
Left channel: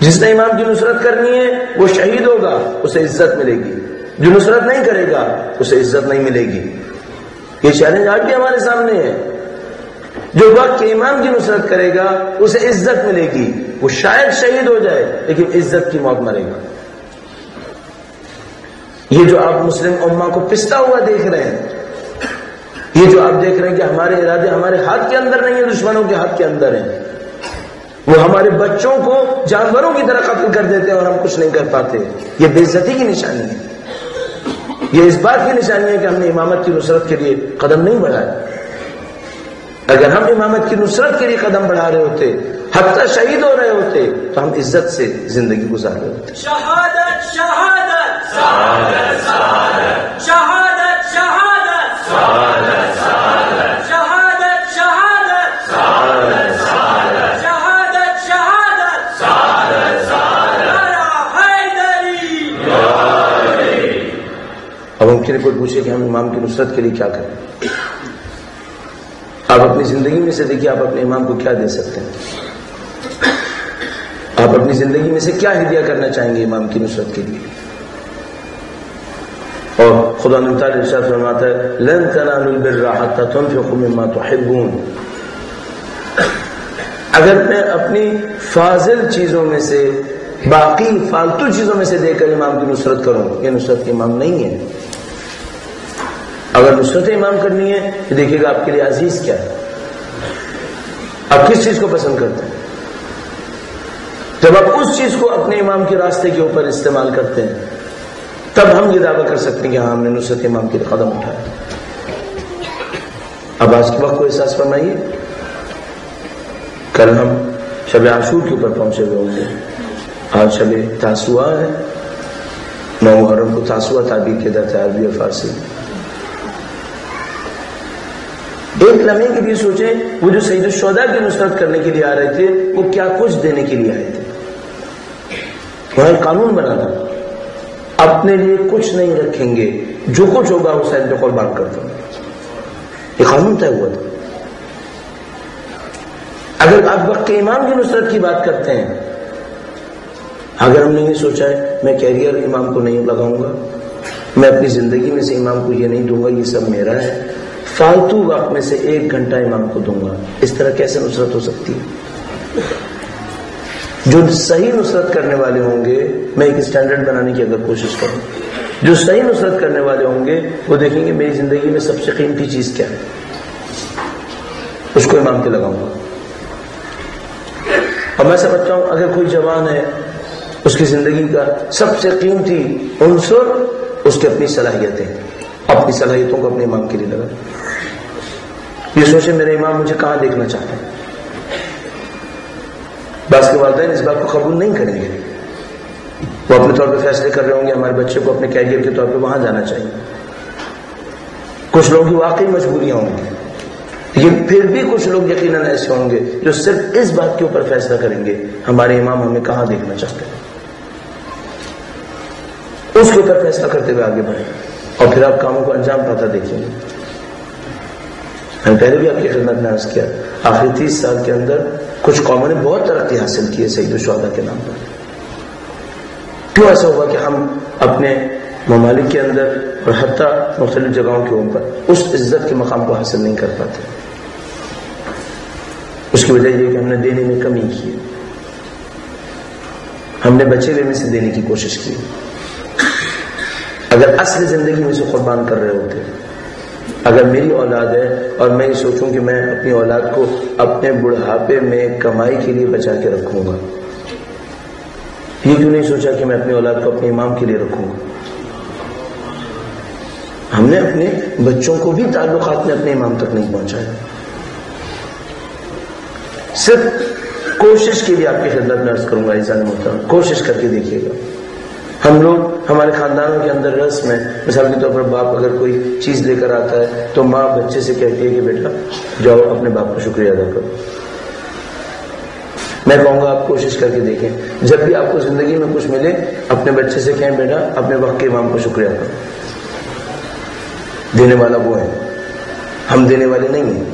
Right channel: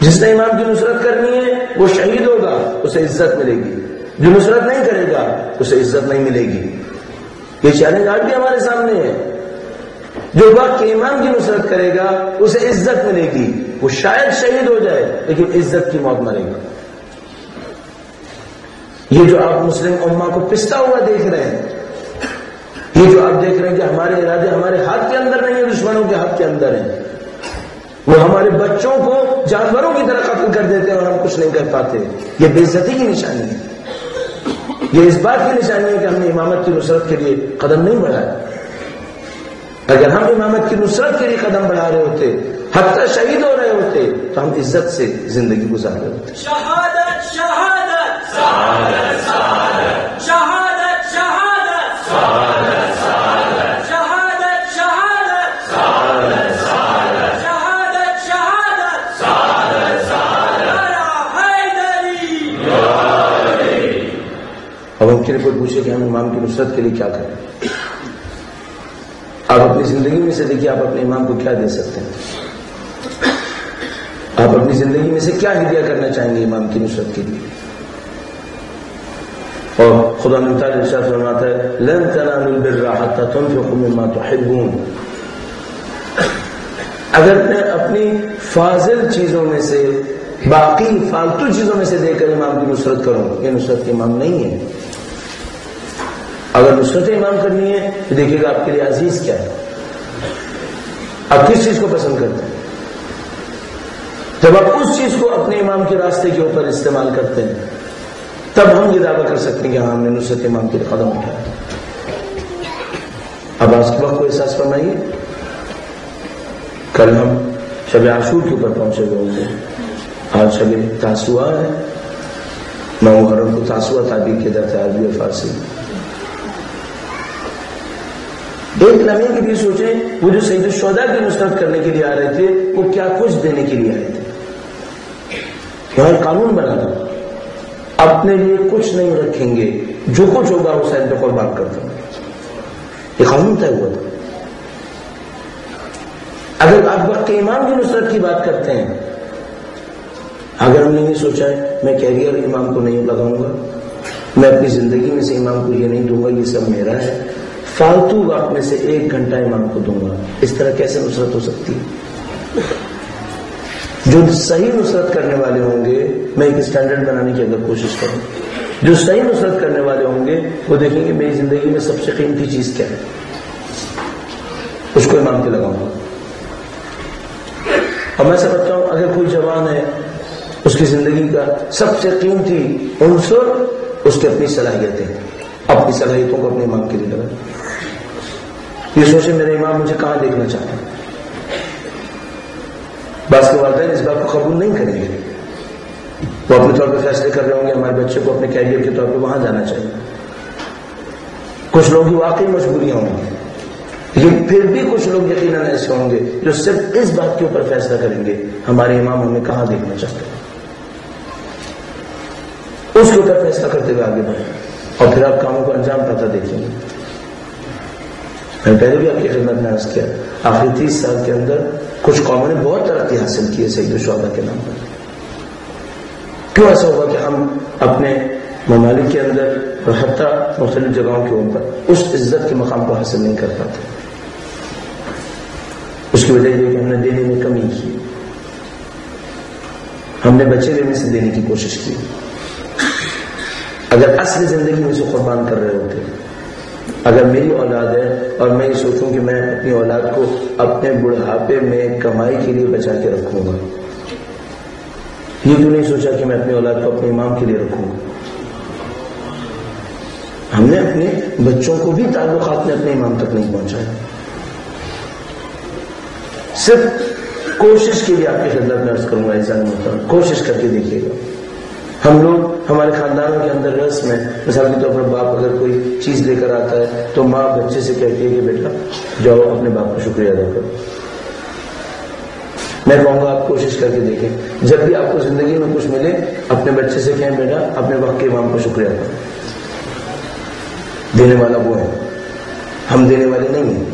جس نے امام کی نصرت کرنی ہے وہ شہید ہوگا، اسے عزت ملے گی، جو نصرت نہیں کرے گا اسے عزت نہیں ملے گی. یہ چیلنج آج بھی ہمارے سامنے ہے. جو وقت کے امام کی نصرت کرے گا اسے عزت ملے گی، وہ شاید شہید ہو جائے لیکن عزت کی موت مرے گا. یہ جو آپ مسلم امہ کو پستا ہوا دیکھ رہے ہیں، یہ جو آپ دیکھ رہے ہیں کہ ہمارے ارادے ہمارے ہاتھ کے اندر نہیں ہیں، دشمنوں کے ہاتھ کے اندر ہیں. وہ ہمارے بچوں کو جانوروں کی طرح قتل کر دیتے ہیں اور ہم کچھ نہیں کر پاتے. یہ بے عزتی کی نشانی ہے. یہ اس بات کی نشانی ہے کہ ہم نے امامت کی نصرت کے لیے قدم نہیں بڑھایا. اگر ہم امامت کی نصرت کے لیے قدم بڑھا رہے ہوتے، حتی شہید ہو رہے ہوتے، تو ہم عزت سے زندگی گزار رہے ہوتے. شہادت شہادت شہادت شہادت شہادت شہادت شہادت شہادت شہادت شہادت شہادت شہادت شہادت شہادت شہادت حیدری. اب ہم کوئی پوچھے کہ ہم امام کی نصرت کے لیے کیا کریں؟ آپ اپنی زندگی میں سے دیکھیے، آپ اپنے امام کو کیا دے سکتے ہیں؟ آپ اپنی زندگی میں سے کیا ہدیہ کرنا چاہیں گے امام کی نصرت کے لیے؟ اور خدا تعالیٰ ارشاد فرماتا ہے لن تنالوا البر حتى تنفقوا مما تحبون. اگر میں اپنی فاضل چیزوں میں سے، باقی فالتو چیزوں میں سے دے کر امام کی نصرت کروں، یہ نصرت کے امام نہیں ہے. اگر نصرت امام کرنی ہے تو دیکھیے گا آپ کے لیے عزیز کیا ہے، آپ کس چیز کو پسند کرتے ہیں. جب آپ اس چیز کو اپنے امام کے راستے کے اوپر استعمال کرتے ہیں تب ہم یہ دعویٰ کر سکتے ہیں کہ ہاں ہم نے نصرت امام کے قدم اٹھایا. اب آج کے وقت کو احساس فرمائیے، کل ہم شب عاشور کے اوپر پہنچے ہوئے ہوں گے. آج شب تاسوعا ہے، 9 محرم کو تاسوعا تعبیر کیا جاتا ہے عربی اور فارسی. ایک لمحے کے لیے سوچیں، وہ جو سید الشہداء کی نصرت کرنے کے لیے آ رہے تھے وہ کیا کچھ دینے کے لیے آئے تھے. وہاں ایک قانون بنا تھا، اپنے لیے کچھ نہیں رکھیں گے، جو کچھ ہوگا حسین پہ قربان کر دیں. یہ قانون طے ہوا تھا. اگر آپ وقت کے امام کی نصرت کی بات کرتے ہیں، اگر ہم نے یہ سوچا ہے میں کیریئر امام کو نہیں لگاؤں گا، میں اپنی زندگی میں سے امام کو یہ نہیں دوں گا، یہ سب میرا ہے، فالتو وقت میں سے 1 گھنٹہ امام کو دوں گا، اس طرح کیسے نصرت ہو سکتی ہے؟ جو صحیح نصرت کرنے والے ہوں گے، میں ایک اسٹینڈرڈ بنانے کی اگر کوشش کروں، جو صحیح نصرت کرنے والے ہوں گے وہ دیکھیں گے میری زندگی میں سب سے قیمتی چیز کیا ہے، اس کو امام پہ لگاؤں گا. اور میں سمجھتا ہوں اگر کوئی جوان ہے، اس کی زندگی کا سب سے قیمتی عنصر اس کی اپنی صلاحیتیں، اپنی صلاحیتوں کو اپنے امام کے لیے لگا. یہ سوچے میرے امام مجھے کہاں دیکھنا چاہتے ہیں. بعض کے والدین اس بات کو قبول نہیں کریں گے، وہ اپنے طور پہ فیصلے کر رہے ہوں گے ہمارے بچے کو اپنے کیریئر کے طور پہ وہاں جانا چاہیے. کچھ لوگوں کی واقعی مجبوریاں ہوں گی، لیکن پھر بھی کچھ لوگ یقیناً ایسے ہوں گے جو صرف اس بات کے اوپر فیصلہ کریں گے ہمارے امام ہمیں کہاں دیکھنا چاہتے ہیں، اس کے اوپر فیصلہ کرتے ہوئے آگے بڑھیں اور پھر آپ کاموں کو انجام پاتا دیکھیں گے. میں نے پہلے بھی آپ کی خدمت میں عرض کیا، آخری 30 سال کے اندر کچھ قوموں نے بہت ترقی حاصل کی ہے سید الشہداء کے نام پر. کیوں ایسا ہوا کہ ہم اپنے ممالک کے اندر اور حتیٰ مختلف جگہوں کے اوپر اس عزت کے مقام کو حاصل نہیں کر پاتے؟ اس کی وجہ یہ کہ ہم نے دینے میں کمی کی، ہم نے بچے ہوئے میں سے دینے کی کوشش کی. اگر اصل زندگی میں سے قربان کر رہے ہوتے، اگر میری اولاد ہے اور میں یہ سوچوں کہ میں اپنی اولاد کو اپنے بڑھاپے میں کمائی کے لیے بچا کے رکھوں گا، یہ کیوں نہیں سوچا کہ میں اپنی اولاد کو اپنے امام کے لیے رکھوں گا؟ ہم نے اپنے بچوں کو بھی تعلقات میں اپنے امام تک نہیں پہنچایا. صرف کوشش کے لیے آپ کی خدمت میں عرض کروں گا، انسان محترم کوشش کر کے دیکھیے گا. ہم لوگ ہمارے خاندانوں کے اندر رسم ہے، مثال کے طور پر باپ اگر کوئی چیز لے کر آتا ہے تو ماں بچے سے کہتی ہے کہ بیٹا جاؤ اپنے باپ کا شکریہ ادا کرو۔ میں کہوں گا آپ کوشش کر کے دیکھیں، جب بھی آپ کو زندگی میں کچھ ملے اپنے بچے سے کہیں بیٹا اپنے وقت کے امام کو شکریہ کرو۔ دینے والا وہ ہے، ہم دینے والے نہیں ہیں۔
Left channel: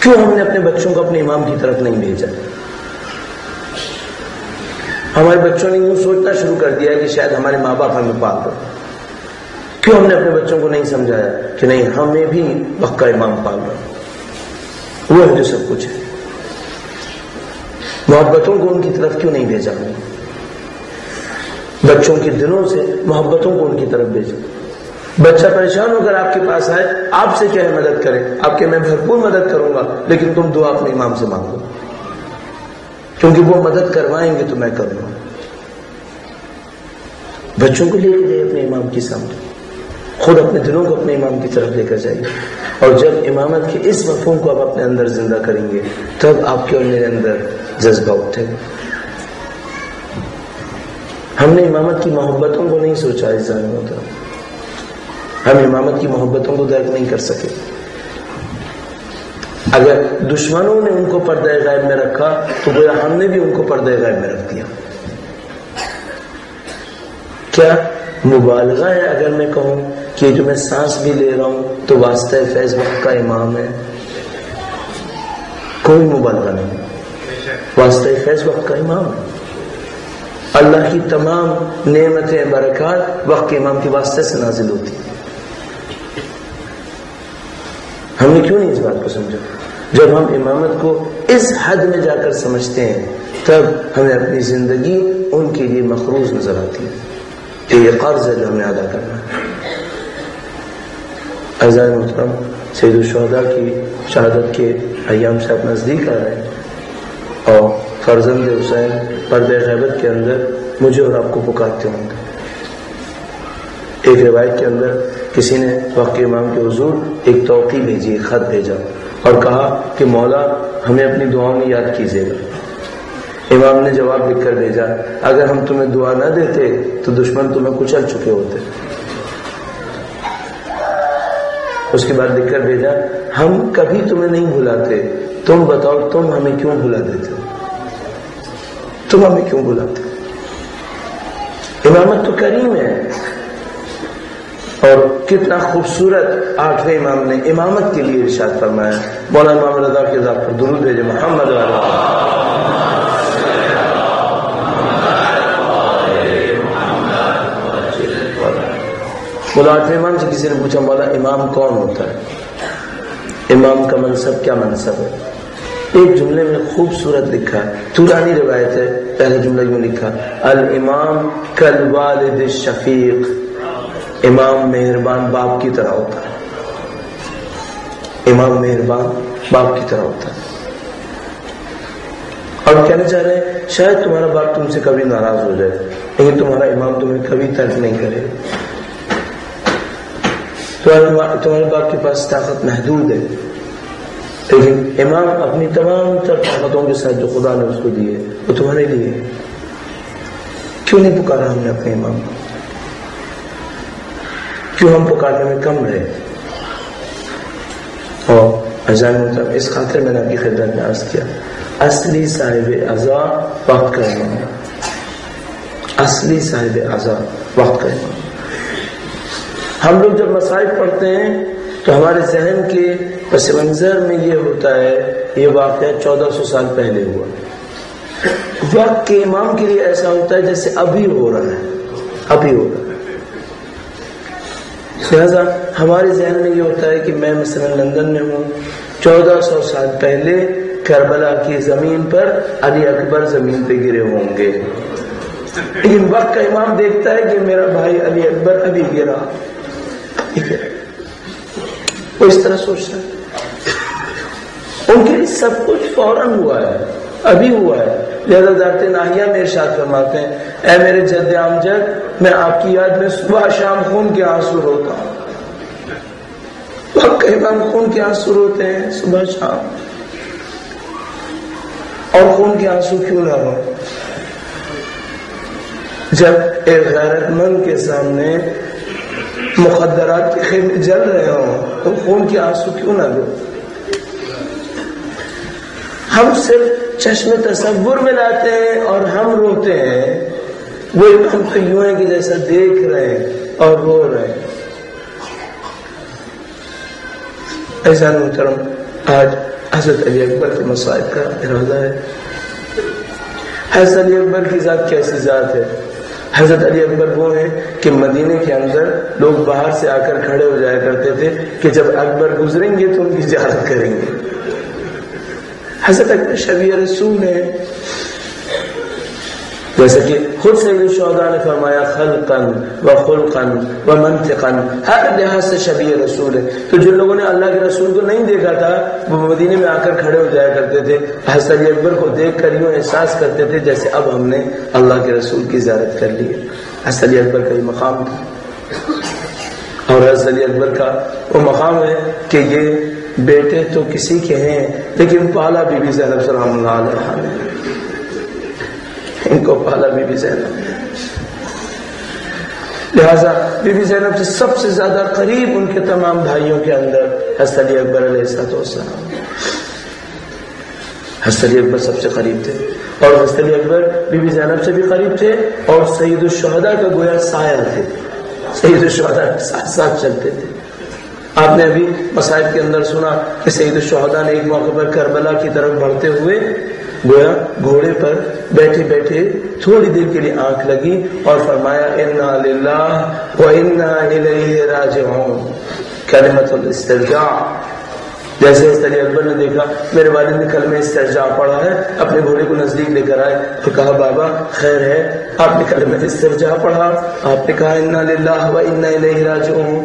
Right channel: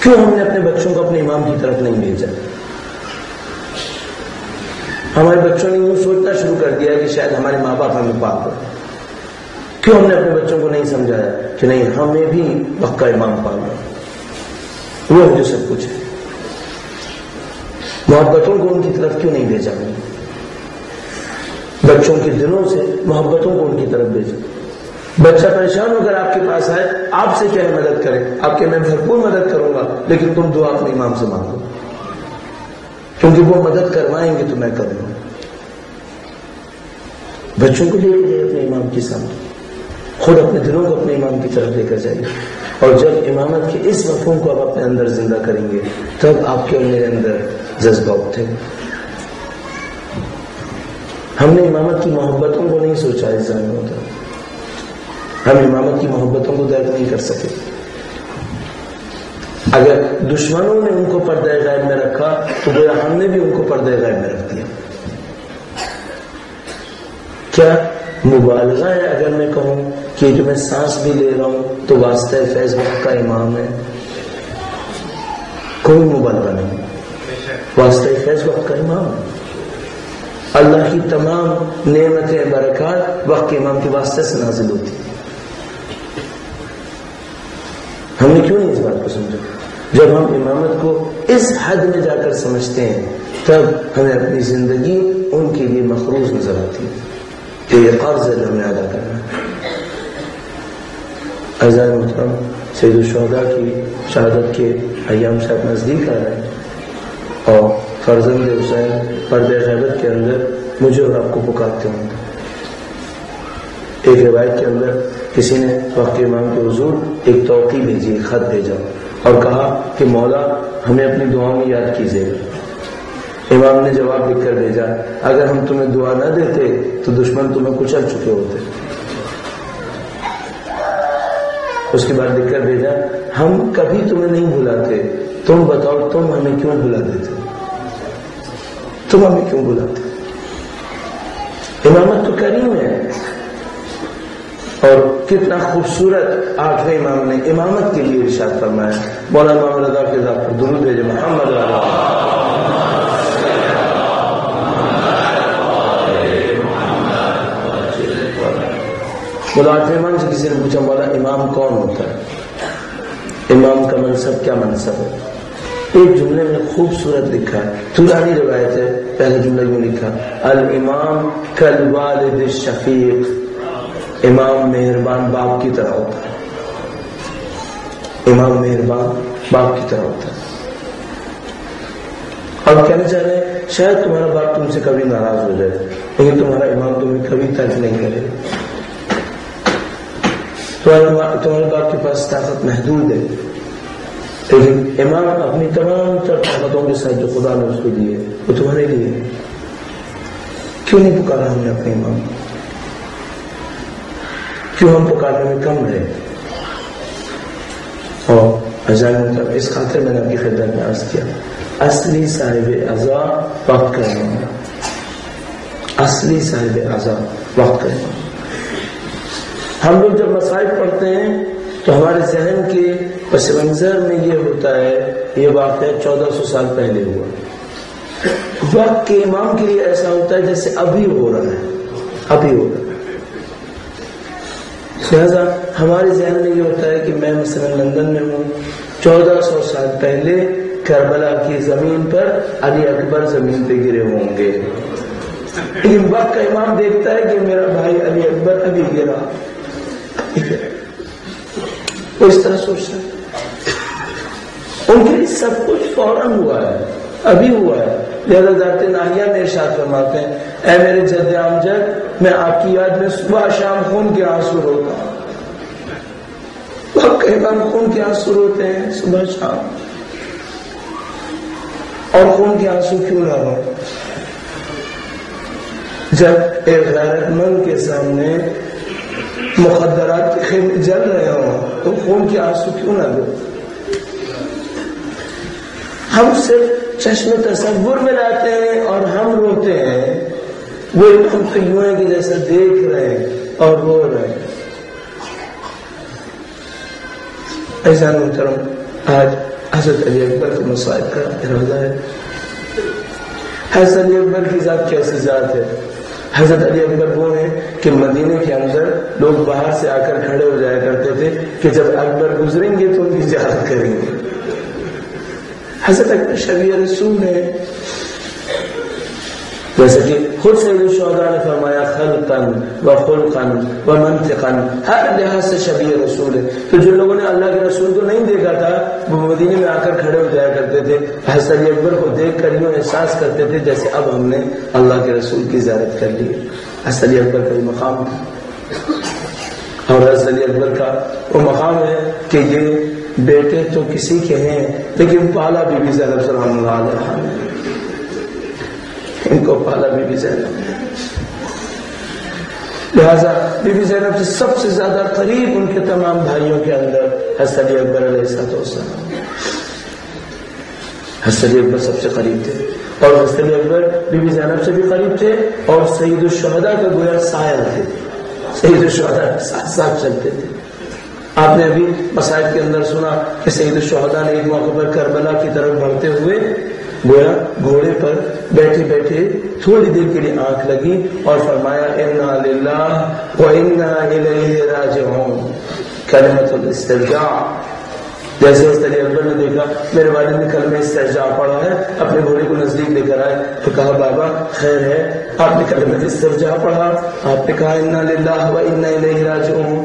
کیوں ہم نے اپنے بچوں کو اپنے امام کی طرف نہیں بھیجا؟ ہمارے بچوں نے یوں سوچنا شروع کر دیا کہ شاید ہمارے ماں باپ ہمیں پاک ہو۔ کیوں ہم نے اپنے بچوں کو نہیں سمجھایا کہ نہیں ہمیں بھی وقت کا امام پالنا، وہ ہے جو سب کچھ ہے۔ محبتوں کو ان کی طرف کیوں نہیں بھیجا؟ بچوں کے دلوں سے محبتوں کو ان کی طرف بھیجا۔ بچہ پریشان ہو کر آپ کے پاس آئے، آپ سے کیا مدد کرے، آپ کے میں بھرپور مدد کروں گا، لیکن تم دعا اپنے امام سے مانگو، کیونکہ وہ مدد کروائیں گے تو میں کروں گا۔ بچوں کو لے کے جائے اپنے امام کی سامنے، خود اپنے دلوں کو اپنے امام کی طرف لے کر جائیے، اور جب امامت کے اس مفہوم کو آپ اپنے اندر زندہ کریں گے تب آپ کے اور میرے اندر جذبہ اٹھے گا۔ ہم نے امامت کی محبتوں کو نہیں سوچا اس ذہن میں ہوتا، ہم امامت کی محبتوں کو درک نہیں کر سکے۔ اگر دشمنوں نے ان کو پردہ غیب میں رکھا تو گویا ہم نے بھی ان کو پردہ غیب میں رکھ دیا۔ کیا مبالغہ ہے اگر میں کہوں کہ جو میں سانس بھی لے رہا ہوں تو واسطہ فیض وقت کا امام ہے؟ کوئی مبالغہ نہیں، واسطہ فیض وقت کا امام ہے۔ اللہ کی تمام نعمتیں برکات وقت کے امام کے واسطے سے نازل ہوتی ہیں۔ ہم نے کیوں نہیں اس بات کو سمجھا؟ جب ہم امامت کو اس حد میں جا کر سمجھتے ہیں تب ہمیں اپنی زندگی ان کے لیے مخروض نظر آتی ہے کہ یہ قرض ہے جو ہمیں ادا کرنا ہے۔ اعزائے محترم، سید الشہداء کی شہادت کے ایام شاید نزدیک آ رہے ہیں اور فرزند حسین پردہ غیبت کے اندر مجھے اور آپ کو پکارتے ہوں گے۔ ایک روایت کے اندر کسی نے وقت امام کے حضور ایک توقیع بھیجی، ایک خط بھیجا اور کہا کہ مولا ہمیں اپنی دعاؤں میں یاد کیجیے گا۔ امام نے جواب لکھ کر بھیجا، اگر ہم تمہیں دعا نہ دیتے تو دشمن تمہیں کچل چکے ہوتے۔ اس کے بعد لکھ کر بھیجا، ہم کبھی تمہیں نہیں بھلاتے، تم بتاؤ تم ہمیں کیوں بھلا دیتے، تم ہمیں کیوں بھلاتے۔ امامت تو کریم ہے، اور کتنا خوبصورت آٹھویں امام نے امامت کے لیے ارشاد فرمایا۔ مولانا امام رضا کے ذات پر درود بھیجے، محمد مولا آٹھویں امام سے کسی نے پوچھا مولا امام کون ہوتا ہے، امام کا منصب کیا منصب ہے؟ ایک جملے میں خوبصورت لکھا ہے، طولانی روایت ہے، پہلے جملہ یوں لکھا، الامام کالوالد الشفیق، امام مہربان باپ کی طرح ہوتا ہے، امام مہربان باپ کی طرح ہوتا ہے۔ اور کہنا چاہ رہے ہیں شاید تمہارا باپ تم سے کبھی ناراض ہو جائے لیکن تمہارا امام تمہیں کبھی ترک نہیں کرے۔ تمہارے باپ کے پاس طاقت محدود ہے لیکن امام اپنی تمام تر طاقتوں کے ساتھ جو خدا نے اس کو دی ہے وہ تمہارے لیے۔ کیوں نہیں پکارا ہم نے اپنے امام کو؟ کیوں ہم پکارنے میں کم رہے؟ اور عزیزان اس خاطر میں نے آپ کی خدمت میں عرض کیا، اصلی صاحب عزا وقت کا امام، اصلی صاحب عزا وقت کا امام۔ ہم لوگ جب مصائب پڑھتے ہیں تو ہمارے ذہن کے پس منظر میں یہ ہوتا ہے یہ واقعہ 1400 سال پہلے ہوا۔ وقت کے امام کے لیے ایسا ہوتا ہے جیسے ابھی ہو رہا ہے، ابھی ہو رہا ہے۔ لہذا ہمارے ذہن میں یہ ہوتا ہے کہ میں مثلا لندن میں ہوں، 1400 سال پہلے کربلا کی زمین پر علی اکبر زمین پہ گرے ہوں گے، لیکن وقت کا امام دیکھتا ہے کہ میرا بھائی علی اکبر ابھی گرا، وہ اس طرح سوچتا ہے۔ ان کے لیے سب کچھ فوراً ہوا ہے، ابھی ہوا ہے۔ لہذا ذات ناہیہ میں ارشاد فرماتے ہیں، اے میرے جد امجد، میں آپ کی یاد میں صبح شام خون کے آنسو روتا ہوں۔ وقت کا امام خون کے آنسو روتے ہیں صبح شام، اور خون کے آنسو کیوں نہ ہو؟ جب ایک غیرت مند کے سامنے مخدرات کے خیمے جل رہے ہوں تو خون کے آنسو کیوں نہ دو؟ ہم صرف چشم تصور میں لاتے ہیں اور ہم روتے ہیں، وہ ہم تو یوں ہیں کہ جیسا دیکھ رہے ہیں اور رو رہے ہیں۔ ایسا محترم، آج حضرت علی اکبر کے مصائب کا ارادہ ہے۔ حضرت علی اکبر کی ذات کیسی ذات ہے؟ حضرت علی اکبر وہ ہیں کہ مدینے کے اندر لوگ باہر سے آ کر کھڑے ہو جایا کرتے تھے کہ جب اکبر گزریں گے تو ان کی زیارت کریں گے۔ حضرت اکبر شبیہ رسول ہے، جیسے کہ خود سید الشہداء نے فرمایا خلقاً و خلقاً و منطقاً، ہر لحاظ سے شبیہ رسول ہے۔ تو جن لوگوں نے اللہ کے رسول کو نہیں دیکھا تھا وہ مدینے میں آ کر کھڑے ہو جایا کرتے تھے، حضرت علی اکبر کو دیکھ کر یوں احساس کرتے تھے جیسے اب ہم نے اللہ کے رسول کی زیارت کر لی ہے۔ حضرت علی اکبر کا یہ مقام تھا، اور حضرت علی اکبر کا وہ مقام ہے کہ یہ بیٹے تو کسی کے ہیں لیکن پالا بی بی زینب سلام اللہ علیہا نے، ان کو پالا بی بی زینب نے، لہذا بی بی زینب سے سب سے زیادہ قریب ان کے تمام بھائیوں کے اندر حضرت علی اکبر علیہ السلام، حضرت علی اکبر سب سے قریب تھے، اور حضرت علی اکبر بی بی زینب سے بھی قریب تھے، اور سید الشہداء کا گویا سایہ تھے، سید الشہداء ساتھ ساتھ چلتے تھے۔ آپ نے ابھی مصائب کے اندر سنا کہ سید الشہداء نے ایک موقع پر کربلا کی طرف بڑھتے ہوئے گویا گھوڑے پر بیٹھے بیٹھے تھوڑی دیر کے لیے آنکھ لگی اور فرمایا انا للہ و انا الیہ راجعون، کلمۃ الاسترجاع۔ جیسے حضرت علی اکبر نے دیکھا میرے والد نے کلمہ استرجاع پڑھا ہے، اپنے گھوڑے کو نزدیک لے کر آئے تو کہا بابا خیر ہے، آپ نے کلمہ استرجاع پڑھا، آپ نے کہا انا للہ و انا الیہ راجعون۔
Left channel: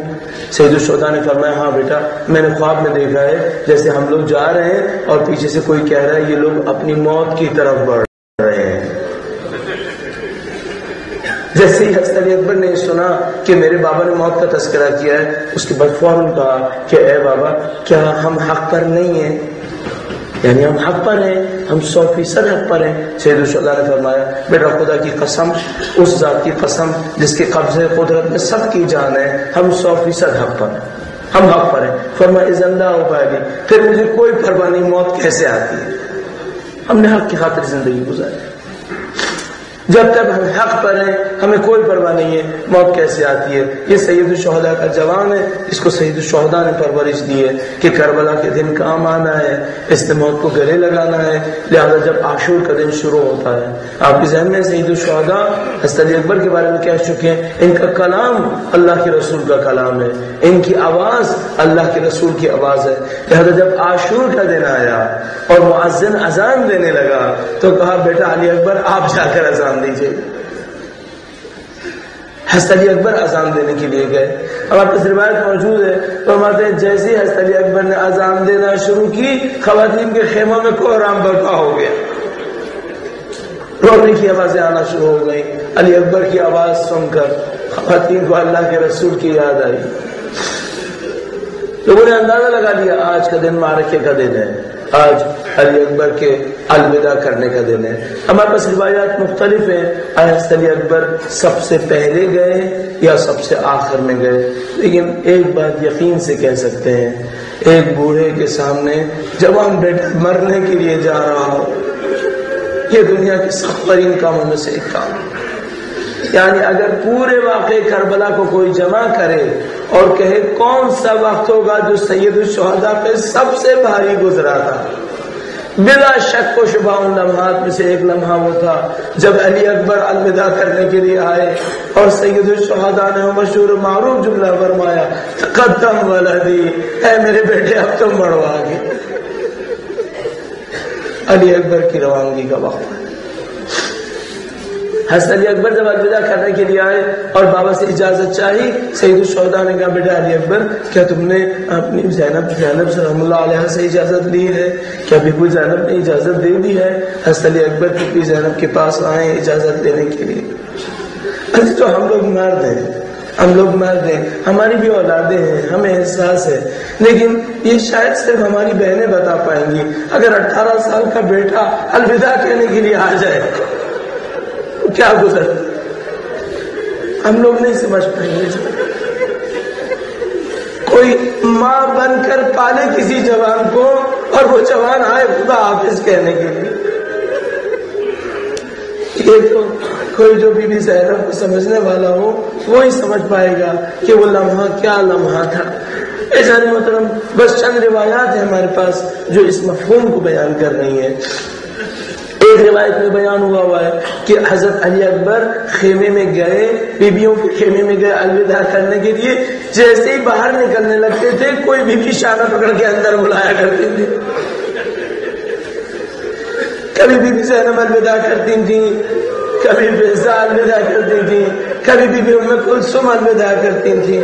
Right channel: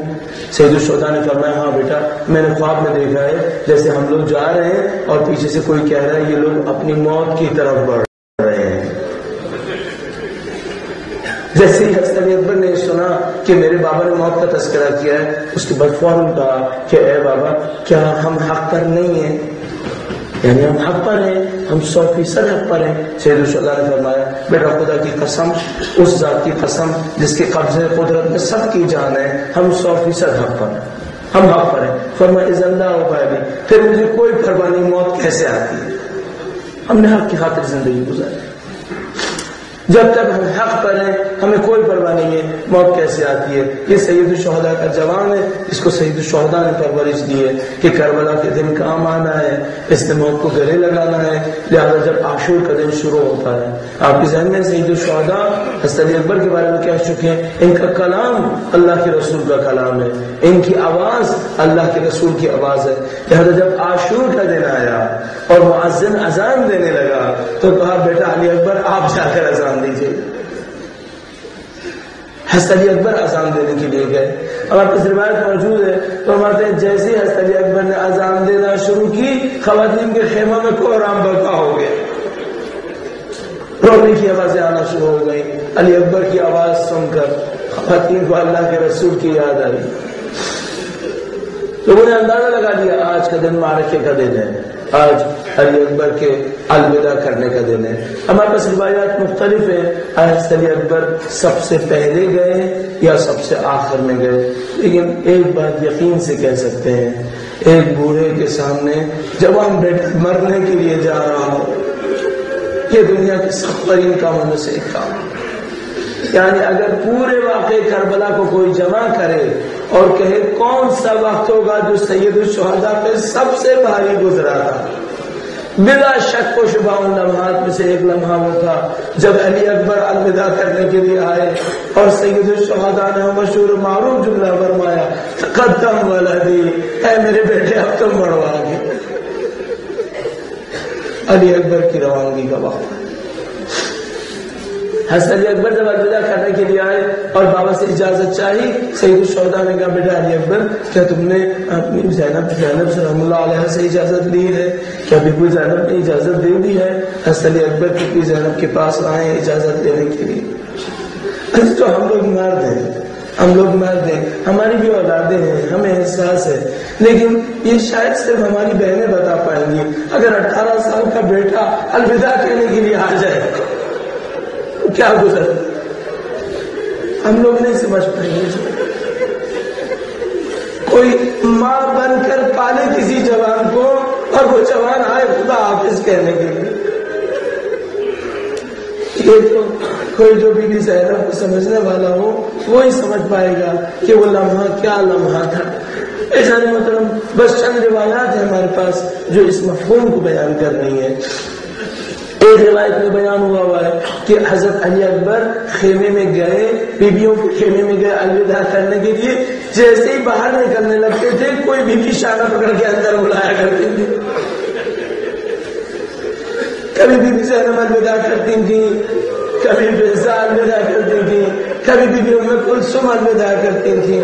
سید الشہداء نے فرمایا ہاں بیٹا، میں نے خواب میں دیکھا ہے جیسے ہم لوگ جا رہے ہیں اور پیچھے سے کوئی کہہ رہا ہے یہ لوگ اپنی موت کی طرف بڑھ رہے ہیں۔ جیسے ہی حضرت علی اکبر نے سنا کہ میرے بابا نے موت کا تذکرہ کیا ہے، اس کے بعد فوراً کہا کہ اے بابا کیا ہم حق پر نہیں ہیں؟ یعنی ہم حق پر ہیں، ہم 100% حق پر ہیں۔ سید الشہداء نے فرمایا بیٹا خدا کی قسم، اس ذات کی قسم جس کے قبضے قدرت میں سب کی جان ہے، ہم 100% حق پر ہیں، ہم حق پر ہیں۔ فرمایا اذن لا ابالی، پھر مجھے کوئی پرواہ نہیں موت کیسے آتی ہے، ہم نے حق کی خاطر زندگی گزاری، جب تک ہم حق پر ہیں ہمیں کوئی پرواہ نہیں ہے موت کیسے آتی ہے۔ یہ سید الشہداء کا جوان ہے، اس کو سید الشہداء نے پرورش دی ہے کہ کربلا کے دن کام آنا ہے، اس نے موت کو گلے لگانا ہے، لہذا جب عاشور کا دن شروع ہوتا ہے، آپ کے ذہن میں سید الشہداء حضرت علی اکبر کے بارے میں کہہ چکے ہیں ان کا کلام اللہ کے رسول کا کلام ہے، ان کی آواز اللہ کے رسول کی آواز ہے، لہذا جب عاشور کا دن آیا اور مؤذن اذان دینے لگا تو کہا بیٹا علی اکبر آپ جا کر اذان دیجیے۔ حضرت علی اکبر اذان دینے کے لیے گئے، اور آپ کی روایت موجود ہے فرماتے ہیں جیسے حضرت علی اکبر نے اذان دینا شروع کی خواتین کے خیموں میں کوہرام برپا ہو گیا، رونے کی آوازیں آنا شروع ہو گئی۔ علی اکبر کی آواز سن کر خواتین کو اللہ کے رسول کی یاد آئی، لوگوں نے اندازہ لگا لیا آج کا دن معرکے کا دن ہے، آج علی اکبر کے الوداع کرنے کا دن ہے۔ ہمارے پاس روایات مختلف ہیں، حضرت علی اکبر سب سے پہلے گئے یا سب سے آخر میں گئے، لیکن ایک بات یقین سے کہہ سکتے ہیں، ایک بوڑھے کے سامنے جوان بیٹا مرنے کے لیے جا رہا ہو، یہ دنیا کے سخت ترین کاموں میں سے ایک کام، یعنی اگر پورے واقعے کربلا کو کوئی جمع کرے اور کہے کون سا وقت ہوگا جو سید الشہداء پہ سب سے بھاری گزرا تھا، بلا شک و شبہ ان لمحات میں سے ایک لمحہ وہ تھا جب علی اکبر الوداع کرنے کے لیے آئے اور سید الشہداء نے مشہور معروف جملہ فرمایا تقدم ولدی، اے میرے بیٹے اب تم بڑھو آگے۔ علی اکبر کی روانگی کا وقت، حضرت علی اکبر جب الوداع کرنے کے لیے آئے اور بابا سے اجازت چاہی، سید الشہداء نے کہا بیٹا علی اکبر کیا تم نے اپنی زینب سلام اللہ علیہ سے اجازت لی ہے؟ کیا بیبی زینب نے اجازت دے دی ہے؟ حضرت علی اکبر بیبی زینب کے پاس آئے اجازت لینے کے لیے۔ تو ہم لوگ مرد ہیں، ہم لوگ مرد ہیں، ہماری بھی اولادیں ہیں، ہمیں احساس ہے، لیکن یہ شاید صرف ہماری بہنیں بتا پائیں گی۔ اگر 18 سال کا بیٹا الوداع کہنے کے لیے آ جائے کیا گزر، ہم لوگ نہیں سمجھ پائیں گے. کوئی ماں بن کر پالے کسی جوان کو اور وہ جوان آئے خدا حافظ کہنے کے لیے. یہ تو کوئی جو بی بی زینب کو سمجھنے والا ہو وہی سمجھ پائے گا کہ وہ لمحہ کیا لمحہ تھا. ایسا محترم بس چند روایات ہیں ہمارے پاس جو اس مفہوم کو بیان کر رہی ہیں. ایک روایت میں بیان ہوا ہے کہ حضرت علی اکبر خیمے میں گئے, بیبیوں کے خیمے میں گئے الوداع کرنے کے لیے. جیسے ہی باہر نکلنے لگتے تھے کوئی بیوی شانہ پکڑ کے اندر بلایا کرتی تھی. کبھی بیوی زینب الوداع کرتی تھی, کبھی بیضا الوداع کرتی تھی, کبھی بیوی ام کلثوم الوداع کرتی تھی.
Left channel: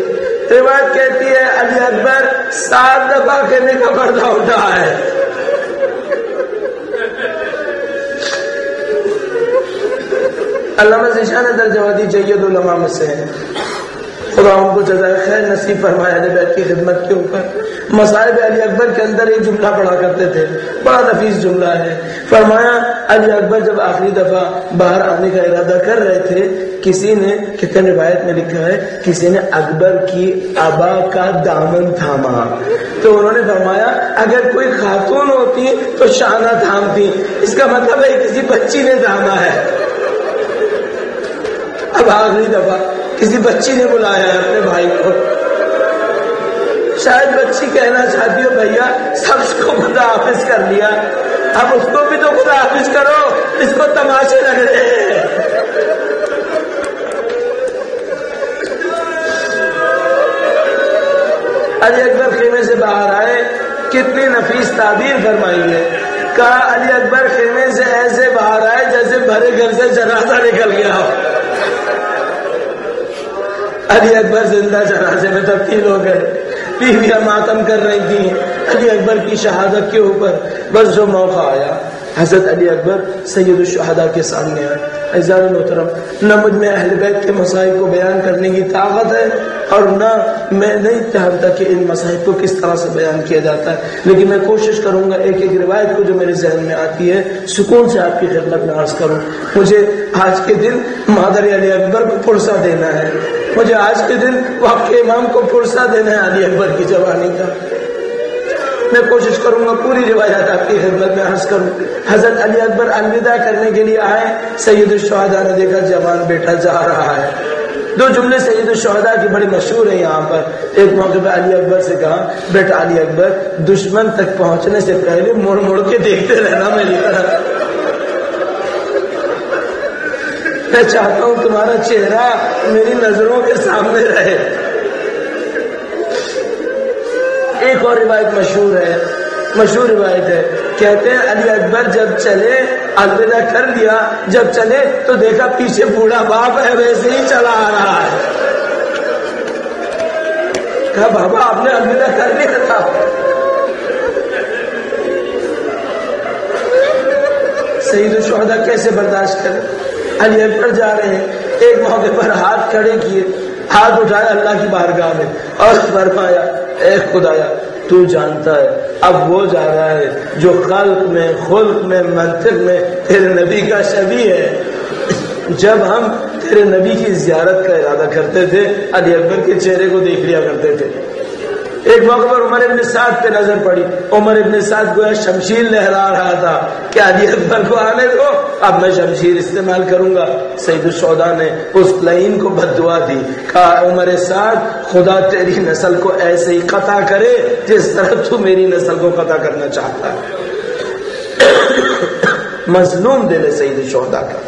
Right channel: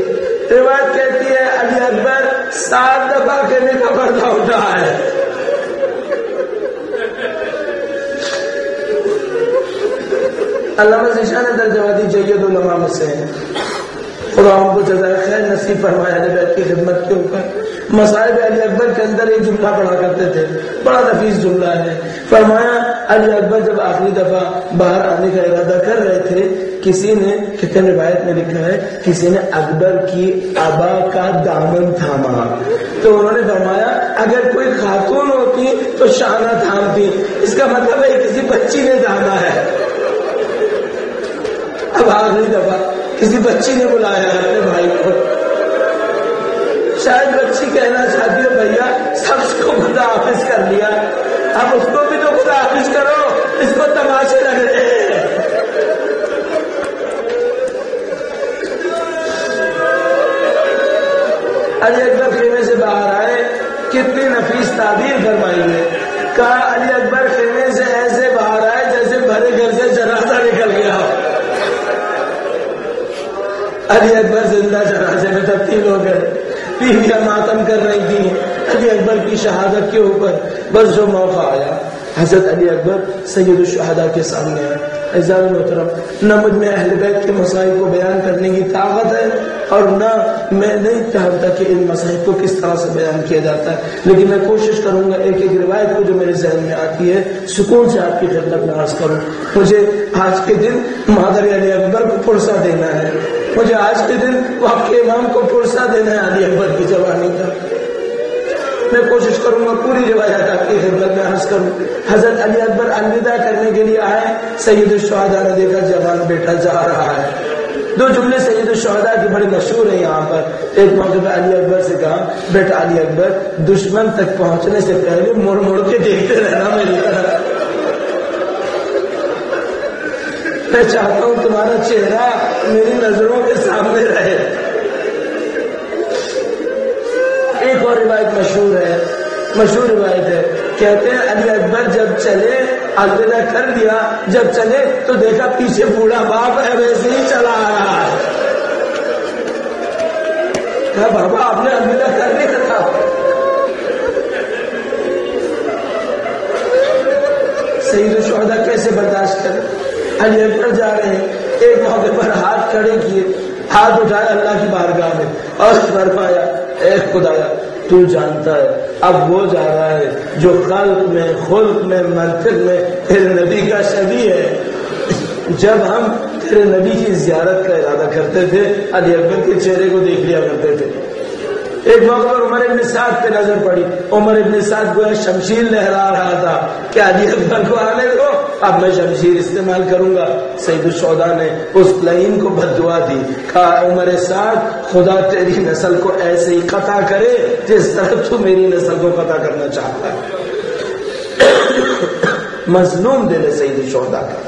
روایت کہتی ہے علی اکبر 7 دفعہ کہنے کا پردہ اٹھا ہے. علامہ ذیشان درجواتی جید علماء میں سے ہیں, خدا ان کو جزائے خیر نصیب فرمایا اہل بیت کی خدمت کے اوپر. مصائب علی اکبر کے اندر ایک جملہ پڑھا کرتے تھے, بڑا نفیس جملہ ہے. فرمایا علی اکبر جب آخری دفعہ باہر آنے کا ارادہ کر رہے تھے, کسی نے, کہتے ہیں روایت میں لکھا ہے, کسی نے اکبر کی ابا کا دامن تھاما. تو انہوں نے فرمایا اگر کوئی خاتون ہوتی تو شانہ تھامتی, اس کا مطلب ہے کسی بچی نے تھاما ہے. اب آخری دفعہ کسی بچی نے بلایا ہے اپنے بھائی کو, شاید بچی کہنا چاہتی ہو بھیا سب کو خدا حافظ کر لیا, اب اس کو بھی تو خدا حافظ کرو, اس کو تماشے لگ رہے ہیں. علی اکبر خیمے سے باہر آئے, کتنی نفیس تعبیر فرمائی ہے. کہا علی اکبر خیمے سے ایسے باہر آئے جیسے بھرے گھر سے جنازہ نکل گیا. علی اکبر زندہ جنازے میں تبدیل ہو گئے. بیویاں ماتم کر رہی تھیں علی اکبر کی شہادت کے اوپر. بس جو موقع آیا حضرت علی اکبر سید الشہداء کے سامنے آئے. عزیزان محترم, نہ مجھ میں اہل بیت کے مصائب کو بیان کرنے کی طاقت ہے اور نہ میں نہیں چاہتا کہ ان مصائب کو کس طرح سے بیان کیا جاتا ہے, لیکن میں کوشش کروں گا ایک ایک روایت کو جو میرے ذہن میں آتی ہے سکون سے آپ کی خدمت میں عرض کروں. مجھے آج کے دن مادر علی اکبر کو پرسہ دینا ہے, مجھے آج کے دن وقت کے امام کو پرسہ دینا ہے علی اکبر کی جوانی کا. میں کوشش کروں گا پوری روایات آپ کی خدمت میں عرض کروں. حضرت علی اکبر الوداع کرنے کے لیے آئے, سید الشہداء نے دیکھا جوان بیٹا جا رہا ہے. 2 جملے سید الشہداء کی بڑے مشہور ہیں یہاں پر. ایک موقع پہ علی اکبر سے کہا بیٹا علی اکبر دشمن تک پہنچنے سے پہلے مڑ مڑ کے دیکھتے رہنا میری طرح, میں چاہتا ہوں تمہارا چہرہ میری نظروں کے سامنے رہے. ایک اور روایت مشہور روایت ہے, کہتے ہیں علی اکبر جب چلے الوداع کر دیا, جب چلے تو دیکھا پیچھے بوڑھا باپ ہے ویسے ہی چلا آ رہا ہے. کہا بابا آپ نے الوداع کر لیا تھا. سید الشہداء کیسے برداشت کرے. علی اکبر جا رہے ہیں, ایک موقع پر ہاتھ کھڑے کیے, ہاتھ اٹھایا اللہ کی بارگاہ میں اور فرمایا اے خدایا تو جانتا ہے اب وہ جا رہا ہے جو خلق میں خلق میں منطق میں تیرے نبی کا شبیہ ہے. جب ہم تیرے نبی کی زیارت کا ارادہ کرتے تھے علی اکبر کے چہرے کو دیکھ لیا کرتے تھے. ایک موقع پر عمر ابن سعد پہ نظر پڑی, عمر ابن سعد گویا شمشیر لہرا رہا تھا کہ علی اکبر کو آنے دو, اب میں شمشیر استعمال کروں گا. سید الشہداء نے اس لعین کو بد دعا دی, کہا عمر سعد خدا تیری نسل کو ایسے ہی قطع کرے جس طرح تو میری نسل کو قطع کرنا چاہتا ہے. مظلوم دل ہے سید الشہداء کا.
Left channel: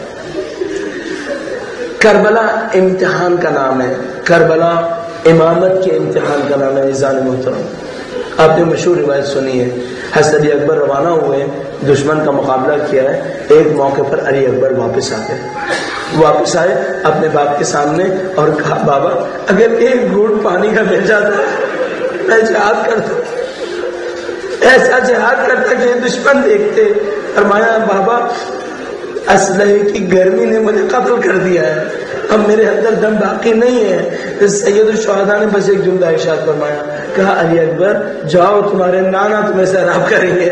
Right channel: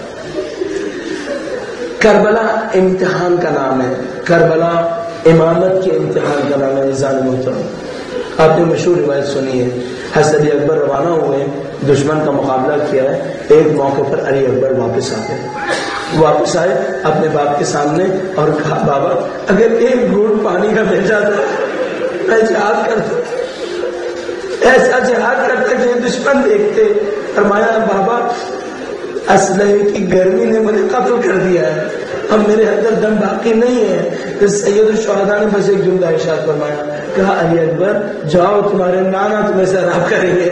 کربلا امتحان کا نام ہے, کربلا امامت کے امتحان کا نام ہے. عزیزان محترم, آپ نے مشہور روایت سنی ہے, حضرت علی اکبر روانہ ہوئے, دشمن کا مقابلہ کیا ہے. ایک موقع پر علی اکبر واپس آئے اپنے باپ کے سامنے اور کہا بابا اگر ایک گھونٹ پانی کا مل جاتا میں جہاد کرتا, ایسا جہاد کرتا کہ دشمن دیکھتے. فرمایا بابا اسلحے کی گرمی نے مجھے قتل کر دیا ہے, اب میرے اندر دم باقی نہیں ہے. سید الشہداء نے بس ایک جملہ ارشاد فرمایا, کہا علی اکبر جاؤ تمہارے نانا تمہیں سیراب کریں گے,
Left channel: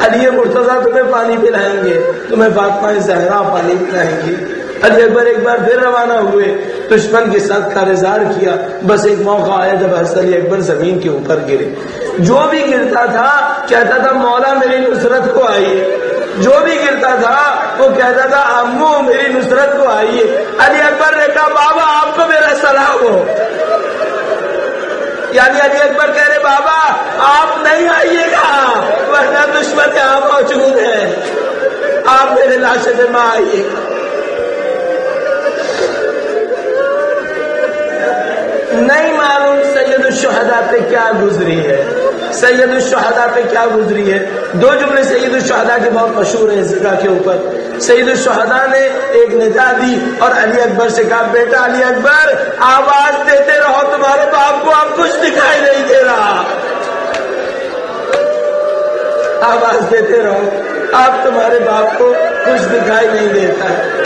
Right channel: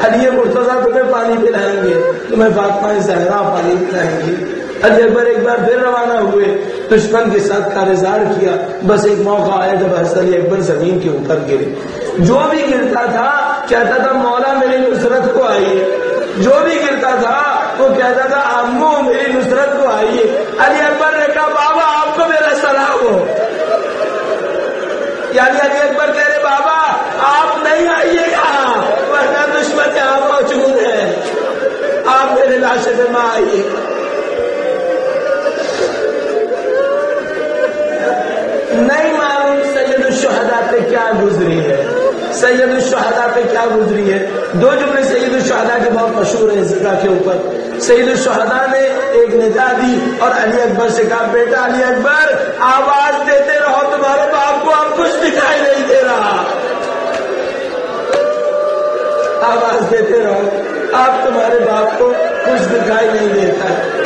علی مرتضیٰ تمہیں پانی پلائیں گے, تمہیں فاطمہ زہرا پانی پلائیں گی. علی اکبر ایک بار پھر روانہ ہوئے، دشمن کے ساتھ کارزار کیا. بس ایک موقع آیا جب حضرت علی اکبر زمین کے اوپر گرے. جو بھی گرتا تھا کہتا تھا مولا میری نصرت کو آئیے، جو بھی گرتا تھا وہ کہتا تھا امو میری نصرت کو آئیے. علی اکبر نے کہا بابا آپ کو میرا سلام ہو. یعنی علی اکبر کہہ رہے بابا آپ نہیں آئیے گا ورنہ دشمن یہاں موجود ہے، آپ میرے لاشے پہ ماں آئیے. نہیں معلوم سید الشہداء پہ کیا گزری ہے، سید الشہداء پہ کیا گزری ہے. دو جملے سید الشہداء کے بہت مشہور ہیں اس جگہ کے اوپر. سید الشہداء نے ایک ندا دی اور علی اکبر سے کہا بیٹا علی اکبر آواز دیتے رہو، تمہارے باپ کو اب کچھ دکھائی نہیں دے رہا، آواز دیتے رہو، اب تمہارے باپ کو کچھ دکھائی نہیں دیتا ہے.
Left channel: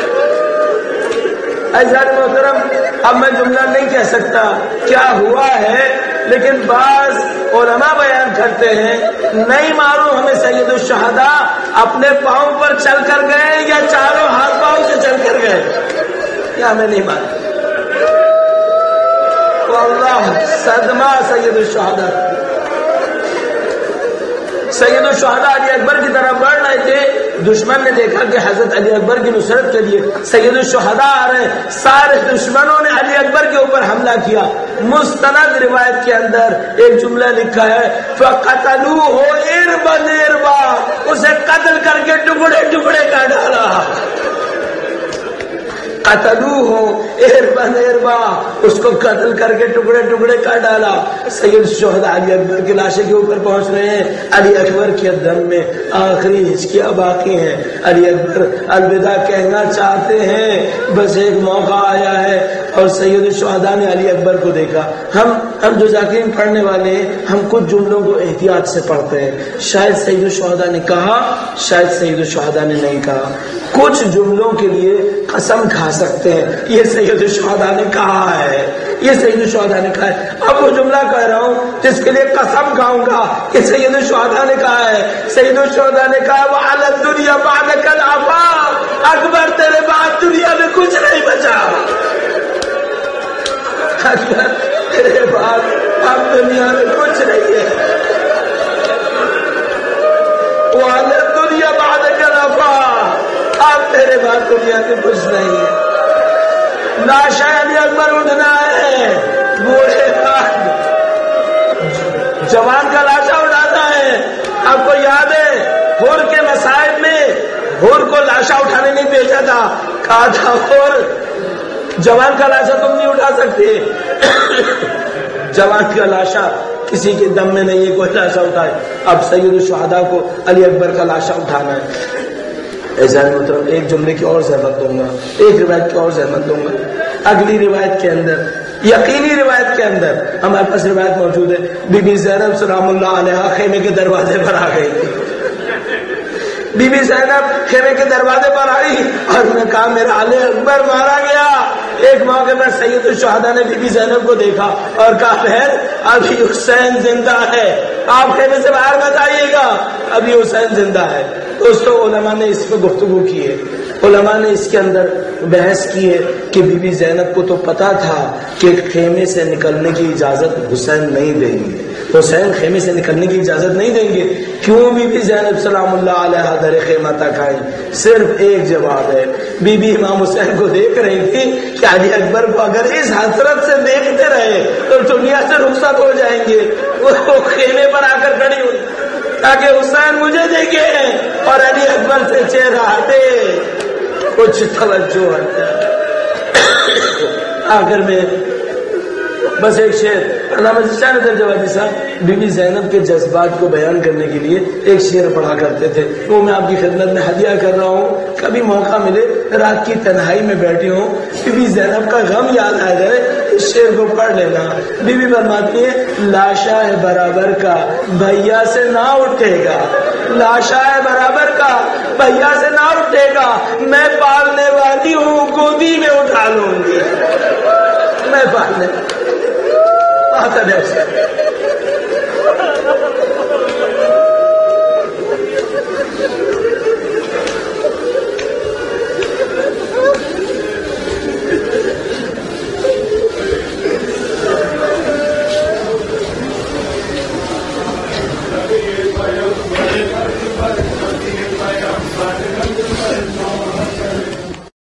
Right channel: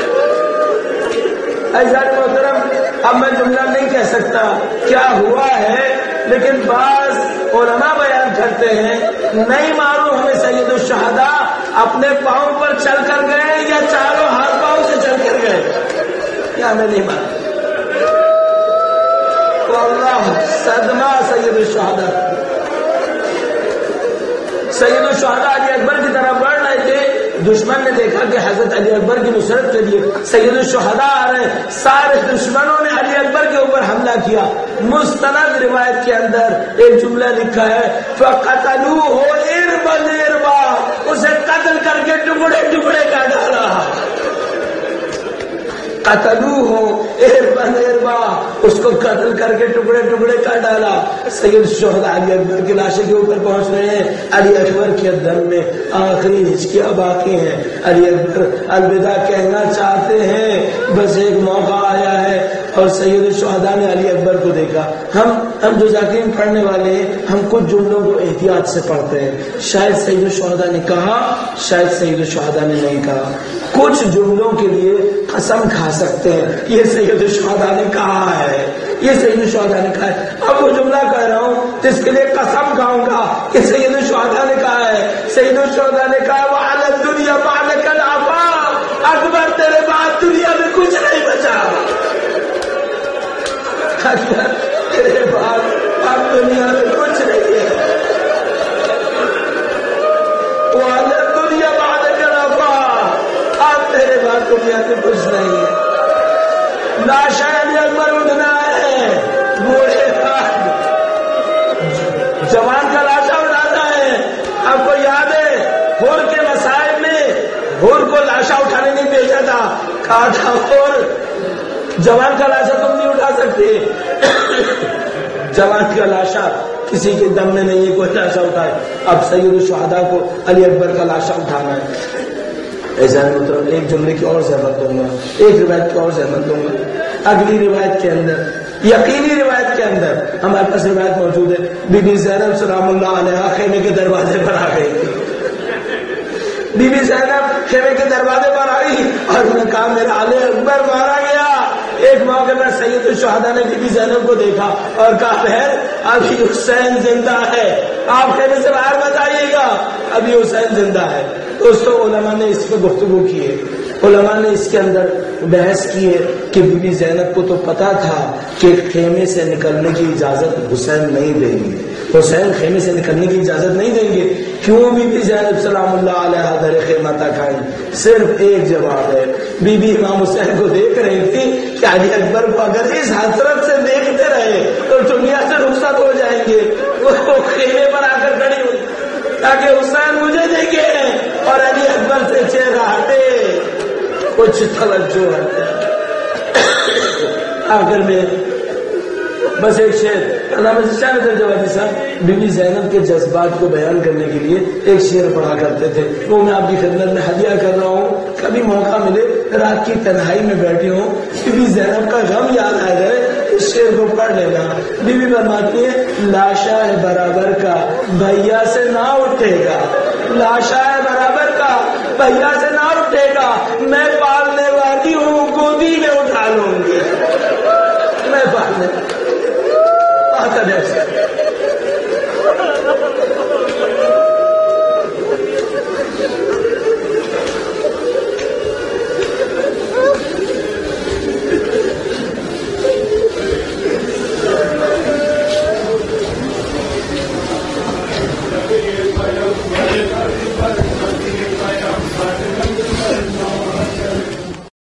عزیزان محترم اب میں جملہ نہیں کہہ سکتا کیا ہوا ہے، لیکن بعض علماء بیان کرتے ہیں نہیں معلوم ہمیں سید الشہداء اپنے پاؤں پر چل کر گئے یا چاروں ہاتھ پاؤں سے چل کر گئے، یا ہمیں نہیں معلوم. واللہ صدمہ سید الشہداء. سید الشہداء علی اکبر کی طرف بڑھ رہے تھے، دشمن نے دیکھا کہ حضرت علی اکبر کی نصرت کے لیے سید الشہداء آ رہے، سارے دشمنوں نے علی اکبر کے اوپر حملہ کیا. مستند روایت کے اندر ایک جملہ لکھا ہے فَقَتَلُوهُ إِرْبًا إِرْبًا، اسے قتل کر کے ٹکڑے ٹکڑے کر ڈالا. قتلوه إِرْبًا إِرْبًا، اس کو قتل کر کے ٹکڑے ٹکڑے کر ڈالا. سید الشہداء علی اکبر کے لاشے کے اوپر پہنچ رہے ہیں. علی اکبر کے دم میں آخری ہچکیاں باقی ہیں. علی اکبر الوداع کہنا چاہتے ہیں، بس ایک موقع آیا ہے. اور سید الشہداء نے علی اکبر کو دیکھا. ہم جو ذاکرین پڑھنے والے ہیں ہم کچھ جملوں کو احتیاط سے پڑھتے ہیں. شاید سید الشہداء نے کہا، شاید سید الشہداء نے نہیں کہا. کچھ جملوں کے لیے قسم کھا سکتے ہیں یہ سید الشہداء نے کہا ہے، یہ سید الشہداء نے کہا ہے. اب وہ جملہ کہہ رہا ہوں جس کے لیے قسم کھاؤں گا کہ سید الشہداء نے کہا ہے. سید الشہداء نے کہا وَعَلَى الدُّنْيَا بَعْدَكَ الْعَفَاءُ، اکبر تیرے بعد دنیا میں کچھ نہیں بچا، اکبر تیرے بعد اب دنیا میں کچھ نہیں ہے. وَعَلَى الدُّنْيَا بَعْدَكَ الْعَفَاءُ، اب تیرے بعد دنیا میں کچھ نہیں ہے. لاشا علی اکبر اٹھنا ہے، بوڑھے بعد جوان کا لاشا اٹھانا ہے. آپ کو یاد ہے ہور کے مسائل میں ہور کو لاشا اٹھانے نہیں بھیجا تھا، کہا تھا ہور جوان کا لاشا تم نہیں اٹھا سکتے. جوان کا لاشا کسی کے دم میں نہیں ہے، کوئی لاشا اٹھائے. اب سید الشہداء کو علی اکبر کا لاشا اٹھانا ہے. ایسا مطلب ایک جملے کی اور زحمت دوں گا، ایک روایت کی اور زحمت دوں گا. اگلی روایت کے اندر، یقینی روایت کے اندر ہمارے پاس روایت موجود ہے، بی بی زینب سلام اللہ علیہا خیمے کے دروازے پر آ گئی تھی. بی بی زینب خیمے کے دروازے پر آئی اور انہوں نے کہا میرا علی اکبر مارا گیا. ایک موقع پر سید الشہداء نے بی بی زینب کو دیکھا اور کہا بہن ابھی حسین زندہ ہے، آپ خیمے سے باہر مت آئیے گا، ابھی حسین زندہ ہے. دوستو علماء نے اس پہ گفتگو کی ہے، علماء نے اس کے اندر بحث کی ہے کہ بی بی زینب کو تو پتا تھا کہ خیمے سے نکلنے کی اجازت حسین نہیں دیں گے، حسین خیمے سے نکلنے کی اجازت نہیں دیں گے. کیوں بی بی زینب سلام اللہ علیہا در خیمہ تک آئی؟ صرف ایک جواب ہے. بی بی امام حسین کو دیکھ رہی تھی کہ علی اکبر کو اگر اس حسرت سے دیکھتے رہے تو دنیا سے رخصت ہو جائیں گے. وہ خیمے پر آ کر کھڑی ہوئی تاکہ حسین مجھے دیکھے اور علی اکبر سے چہرہ ہٹے، کچھ توجہ ہٹے. آخر میں بس ایک شعر علامہ شاہ جوادی صاحب بی بی زینب کے جذبات کو بیان کرنے کے لیے ایک شعر پڑھا کرتے تھے، وہ میں آپ کی خدمت میں ہدیہ کر رہا ہوں. کبھی موقع ملے رات کی تنہائی میں بیٹھی ہوں، بی بی زینب کا غم یاد آ جائے، اس شعر کو پڑھ لینا. بی بی فرماتی ہے لاشا ہے برابر کا بھیا سے نہ اٹھے گا، لاشا ہے برابر کا بھیا سے نہ اٹھے گا، میں پالنے والی ہوں گودی میں اٹھا لوں گی، میں پالنے